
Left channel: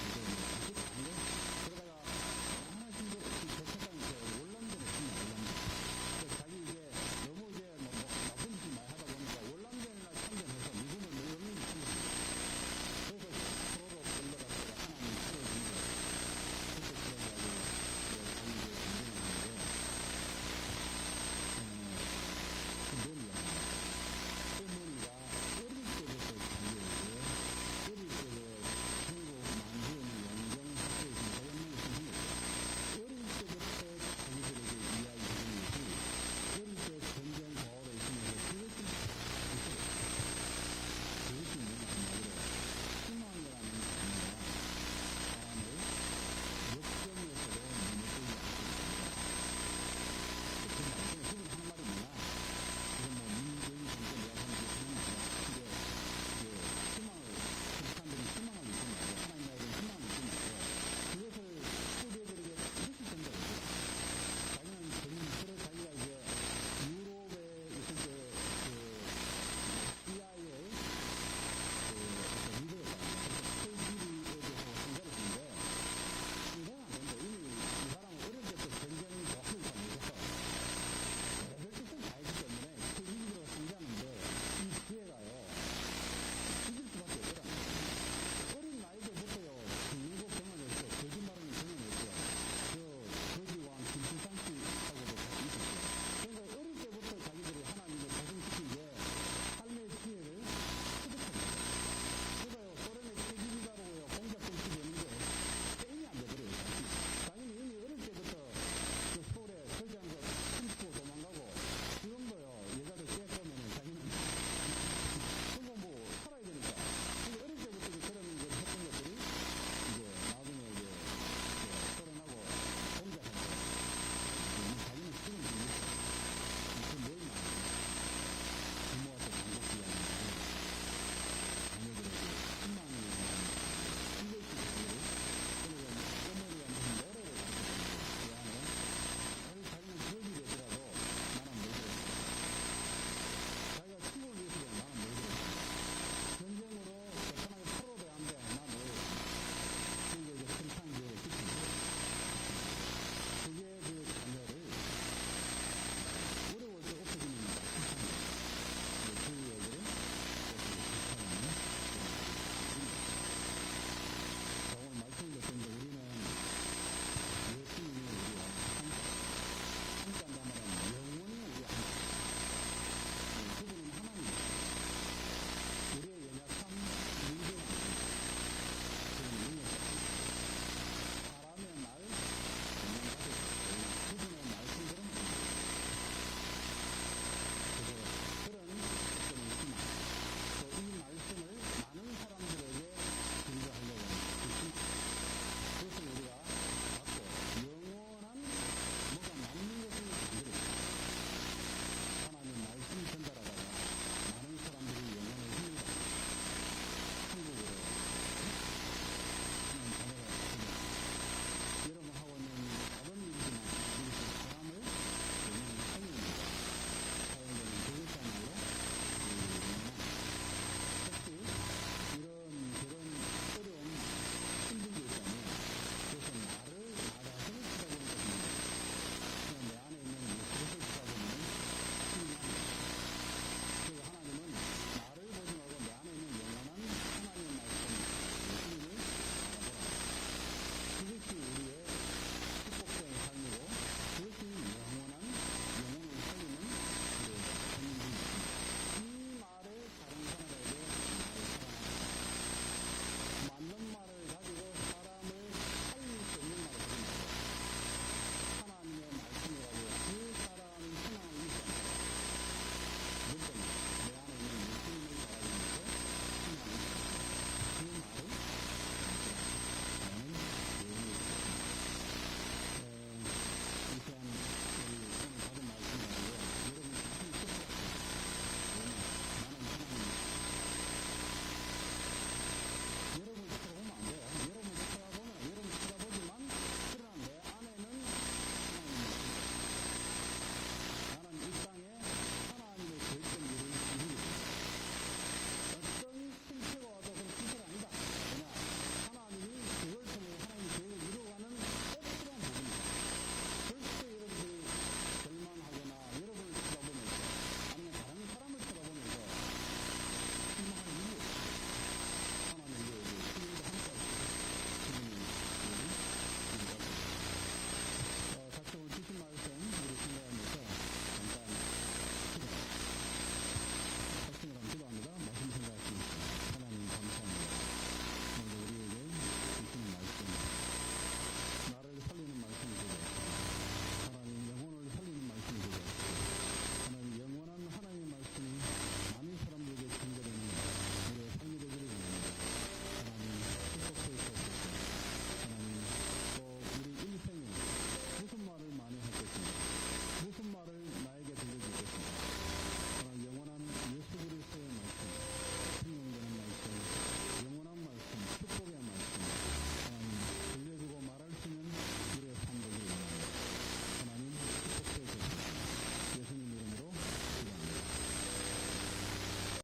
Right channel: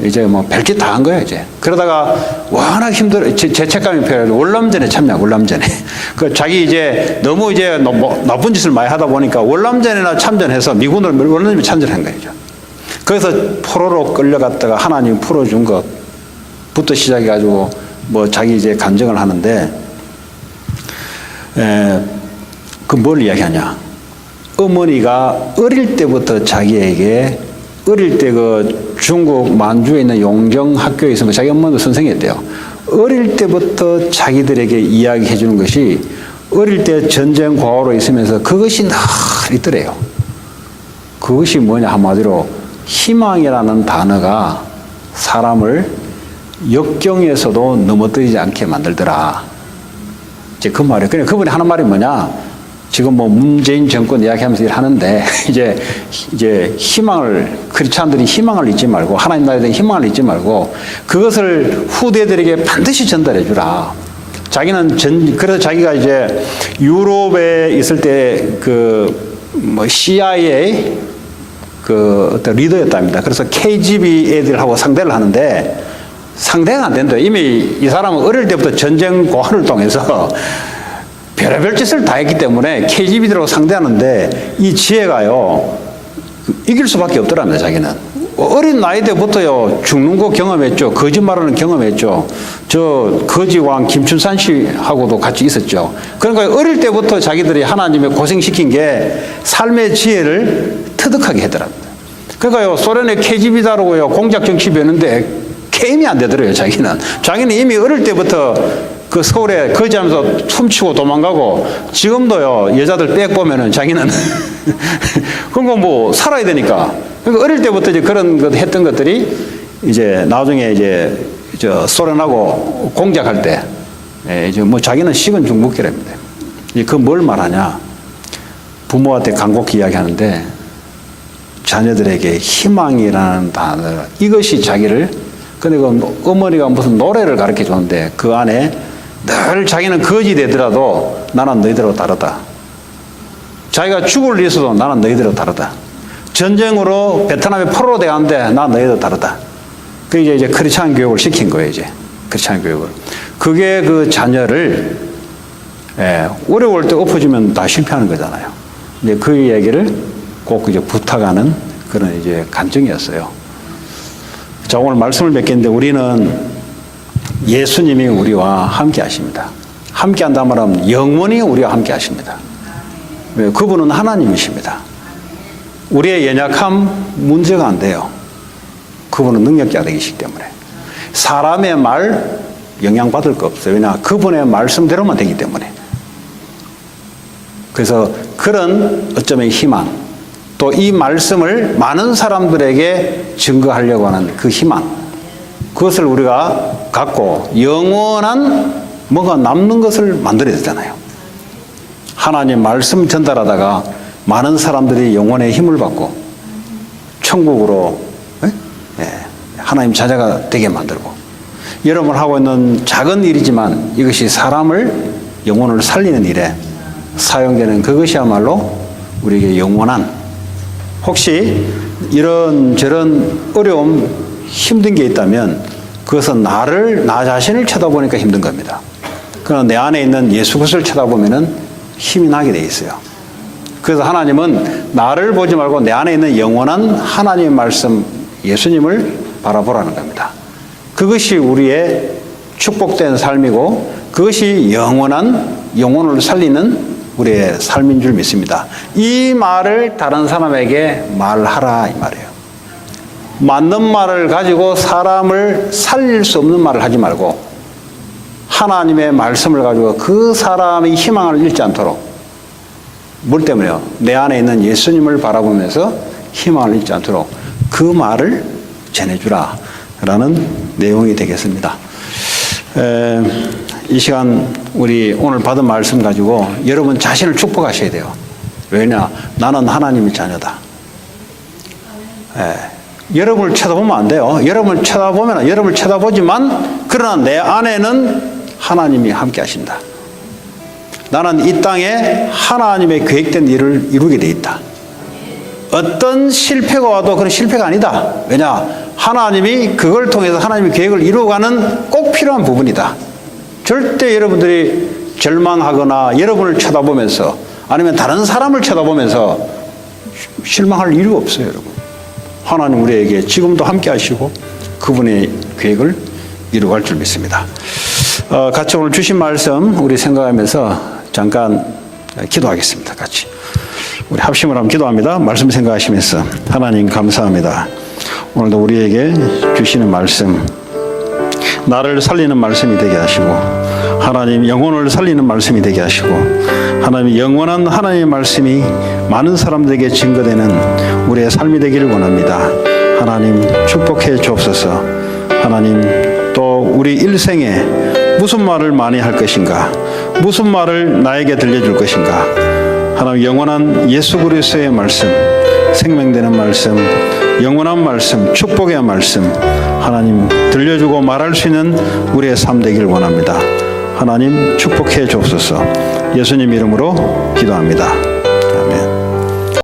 이제 뭐 별짓 다 한 거예요, 이제. 그러다가 워낙 죄책감이 필요해서 월남전에 참여하고, 월남전에. 자기 이제 너무 이제 나쁜 짓을 많이 하다 보니까 월남전에나 참전해서 미군을 월남전에 참전한 거예요. 그래서 포로로 끌려갔다가 하나님이 풀어준 것부터 시작해가지고 뭐 자기 이제 간증을 하는데, 그 뭘 이야기하냐. 어머니가 어릴 때부터 자기에게 어릴 때 그 중국 만주에 있는 용정 학교에 있으면 자기 엄마도 선생이었대요. 어릴 때부터 자기들에게 이야기해 주는 것이 어릴 때 전쟁 과오로 있으면서 그것이 늘 있더래요. 그것이 뭐냐 한마디로 희망이라는 단어가 사람을 역경에서도 넘어뜨리지 않게 만들더라. 이제 그 말이에요. 그러니까 그분이 하는 말이 뭐냐? 지금 뭐 문재인 정권 이야기하면서 일하는데 이제 희망을 크리스찬들이 희망을 잊지 말고 하나님 나라에 대한 희망을 잊지 말고 그것을 후대들에게 반드시 전달해 주라. 자기는 그래서 자기가 이제 유럽에 있을 때 그 뭐 CIA 그 어떤 리더였답니다. 그래서 KGB 애들하고 상대를 하는데 상대가 안 된다. 이미 이 사람은 어릴 때부터 전쟁 고환을 통해서 별의별 짓을 다 했기 때문에 KGB들하고 상대하는데 이 지혜가요 이길 수밖에 없더랍니다. 자기는 어린 나이 때부터요 죽는 거 경험했죠. 거짓말하는 경험했죠. 저 거지왕 김춘산 씨하고도 같이 있었죠. 그러니까 어릴 때부터 자기들이 하나님의 고생시킨 게 삶의 지혜를 터득하게 하더랍니다. 그러니까요 소련의 KGB다라고요 공작 정치 배우는데 게임이 안 되더래요. 자기는 이미 어릴 때부터 그 서울에 거지하면서 춤추고 도망가고 지금도요 여자들 백 보면은 자기는 그런 거 뭐 살아야 되니까 그러니까 어릴 때부터 이제 그런 것 했던 것들이 이제 나중에 이제 소련하고 공작할 때, 이제 뭐 자기는 식은 중국기랍니다. 그 뭘 말하냐? 부모한테 간곡히 이야기하는데 자녀들에게 희망이라는 단어, 이것이 자기를, 근데 그 어머니가 무슨 노래를 가르쳐 주는데 그 안에 늘 자기는 거지 되더라도 나는 너희들하고 다르다. 자기가 죽을 일 있어도 나는 너희들하고 다르다. 전쟁으로 베트남에 포로로 돼가는데 나 너희들하고 다르다. 그게 이제 크리스찬 교육을 시킨 거예요, 이제. 크리스찬 교육을. 그게 그 자녀를, 어려울 때 엎어주면 다 실패하는 거잖아요. 근데 그 얘기를 꼭 이제 부탁하는 그런 이제 간증이었어요. 자, 오늘 말씀을 맺겠는데 우리는 예수님이 우리와 함께 하십니다. 함께 한다는 말은 영원히 우리와 함께 하십니다. 그분은 하나님이십니다. 우리의 연약함 문제가 안 돼요. 그분은 능력자이시기 때문에. 사람의 말 영향받을 거 없어요. 왜냐, 그분의 말씀대로만 되기 때문에. 그래서 그런 어쩌면 희망, 또 이 말씀을 많은 사람들에게 증거하려고 하는 그 희망, 그것을 우리가 갖고 영원한 뭐가 남는 것을 만들어야 되잖아요. 하나님 말씀 전달하다가 많은 사람들이 영혼의 힘을 받고 천국으로 하나님 자녀가 되게 만들고, 여러분 하고 있는 작은 일이지만 이것이 사람을, 영혼을 살리는 일에 사용되는 그것이야말로 우리에게 영원한, 혹시 이런저런 어려움, 힘든 게 있다면 그것은 나 자신을 쳐다보니까 힘든 겁니다. 그러나 내 안에 있는 예수 그리스도를 쳐다보면은 힘이 나게 돼 있어요. 그래서 하나님은 나를 보지 말고 내 안에 있는 영원한 하나님의 말씀, 예수님을 바라보라는 겁니다. 그것이 우리의 축복된 삶이고 그것이 영원한 영혼을 살리는 우리의 삶인 줄 믿습니다. 이 말을 다른 사람에게 말하라 이 말이에요. 맞는 말을 가지고 사람을 살릴 수 없는 말을 하지 말고 하나님의 말씀을 가지고 그 사람의 희망을 잃지 않도록, 뭘 때문에요? 내 안에 있는 예수님을 바라보면서 희망을 잃지 않도록 그 말을 전해주라 라는 내용이 되겠습니다. 이 시간 우리 오늘 받은 말씀 가지고 여러분 자신을 축복하셔야 돼요. 왜냐? 나는 하나님의 자녀다. 여러분을 쳐다보면 안 돼요. 여러분을 쳐다보지만 그러나 내 안에는 하나님이 함께 하신다. 나는 이 땅에 하나님의 계획된 일을 이루게 돼 있다. 어떤 실패가 와도 그건 실패가 아니다. 왜냐? 하나님이 그걸 통해서 하나님의 계획을 이루어가는 꼭 필요한 부분이다. 절대 여러분들이 절망하거나 여러분을 쳐다보면서 아니면 다른 사람을 쳐다보면서 실망할 이유가 없어요, 여러분. 하나님 우리에게 지금도 함께 하시고 그분의 계획을 이루어갈 줄 믿습니다. 같이 오늘 주신 말씀 우리 생각하면서 잠깐 기도하겠습니다. 같이 우리 합심을 하면 기도합니다. 말씀 생각하시면서 하나님 감사합니다. 오늘도 우리에게 주시는 말씀, 나를 살리는 말씀이 되게 하시고 하나님 영혼을 살리는 말씀이 되게 하시고 하나님 영원한 하나님의 말씀이 많은 사람들에게 증거되는 우리의 삶이 되기를 원합니다. 하나님 축복해 주옵소서. 하나님 또 우리 일생에 무슨 말을 많이 할 것인가, 무슨 말을 나에게 들려줄 것인가, 하나님 영원한 예수 그리스도의 말씀, 생명되는 말씀, 영원한 말씀, 축복의 말씀 하나님 들려주고 말할 수 있는 우리의 삶 되기를 원합니다. 하나님 축복해 주옵소서. 예수님 이름으로 기도합니다.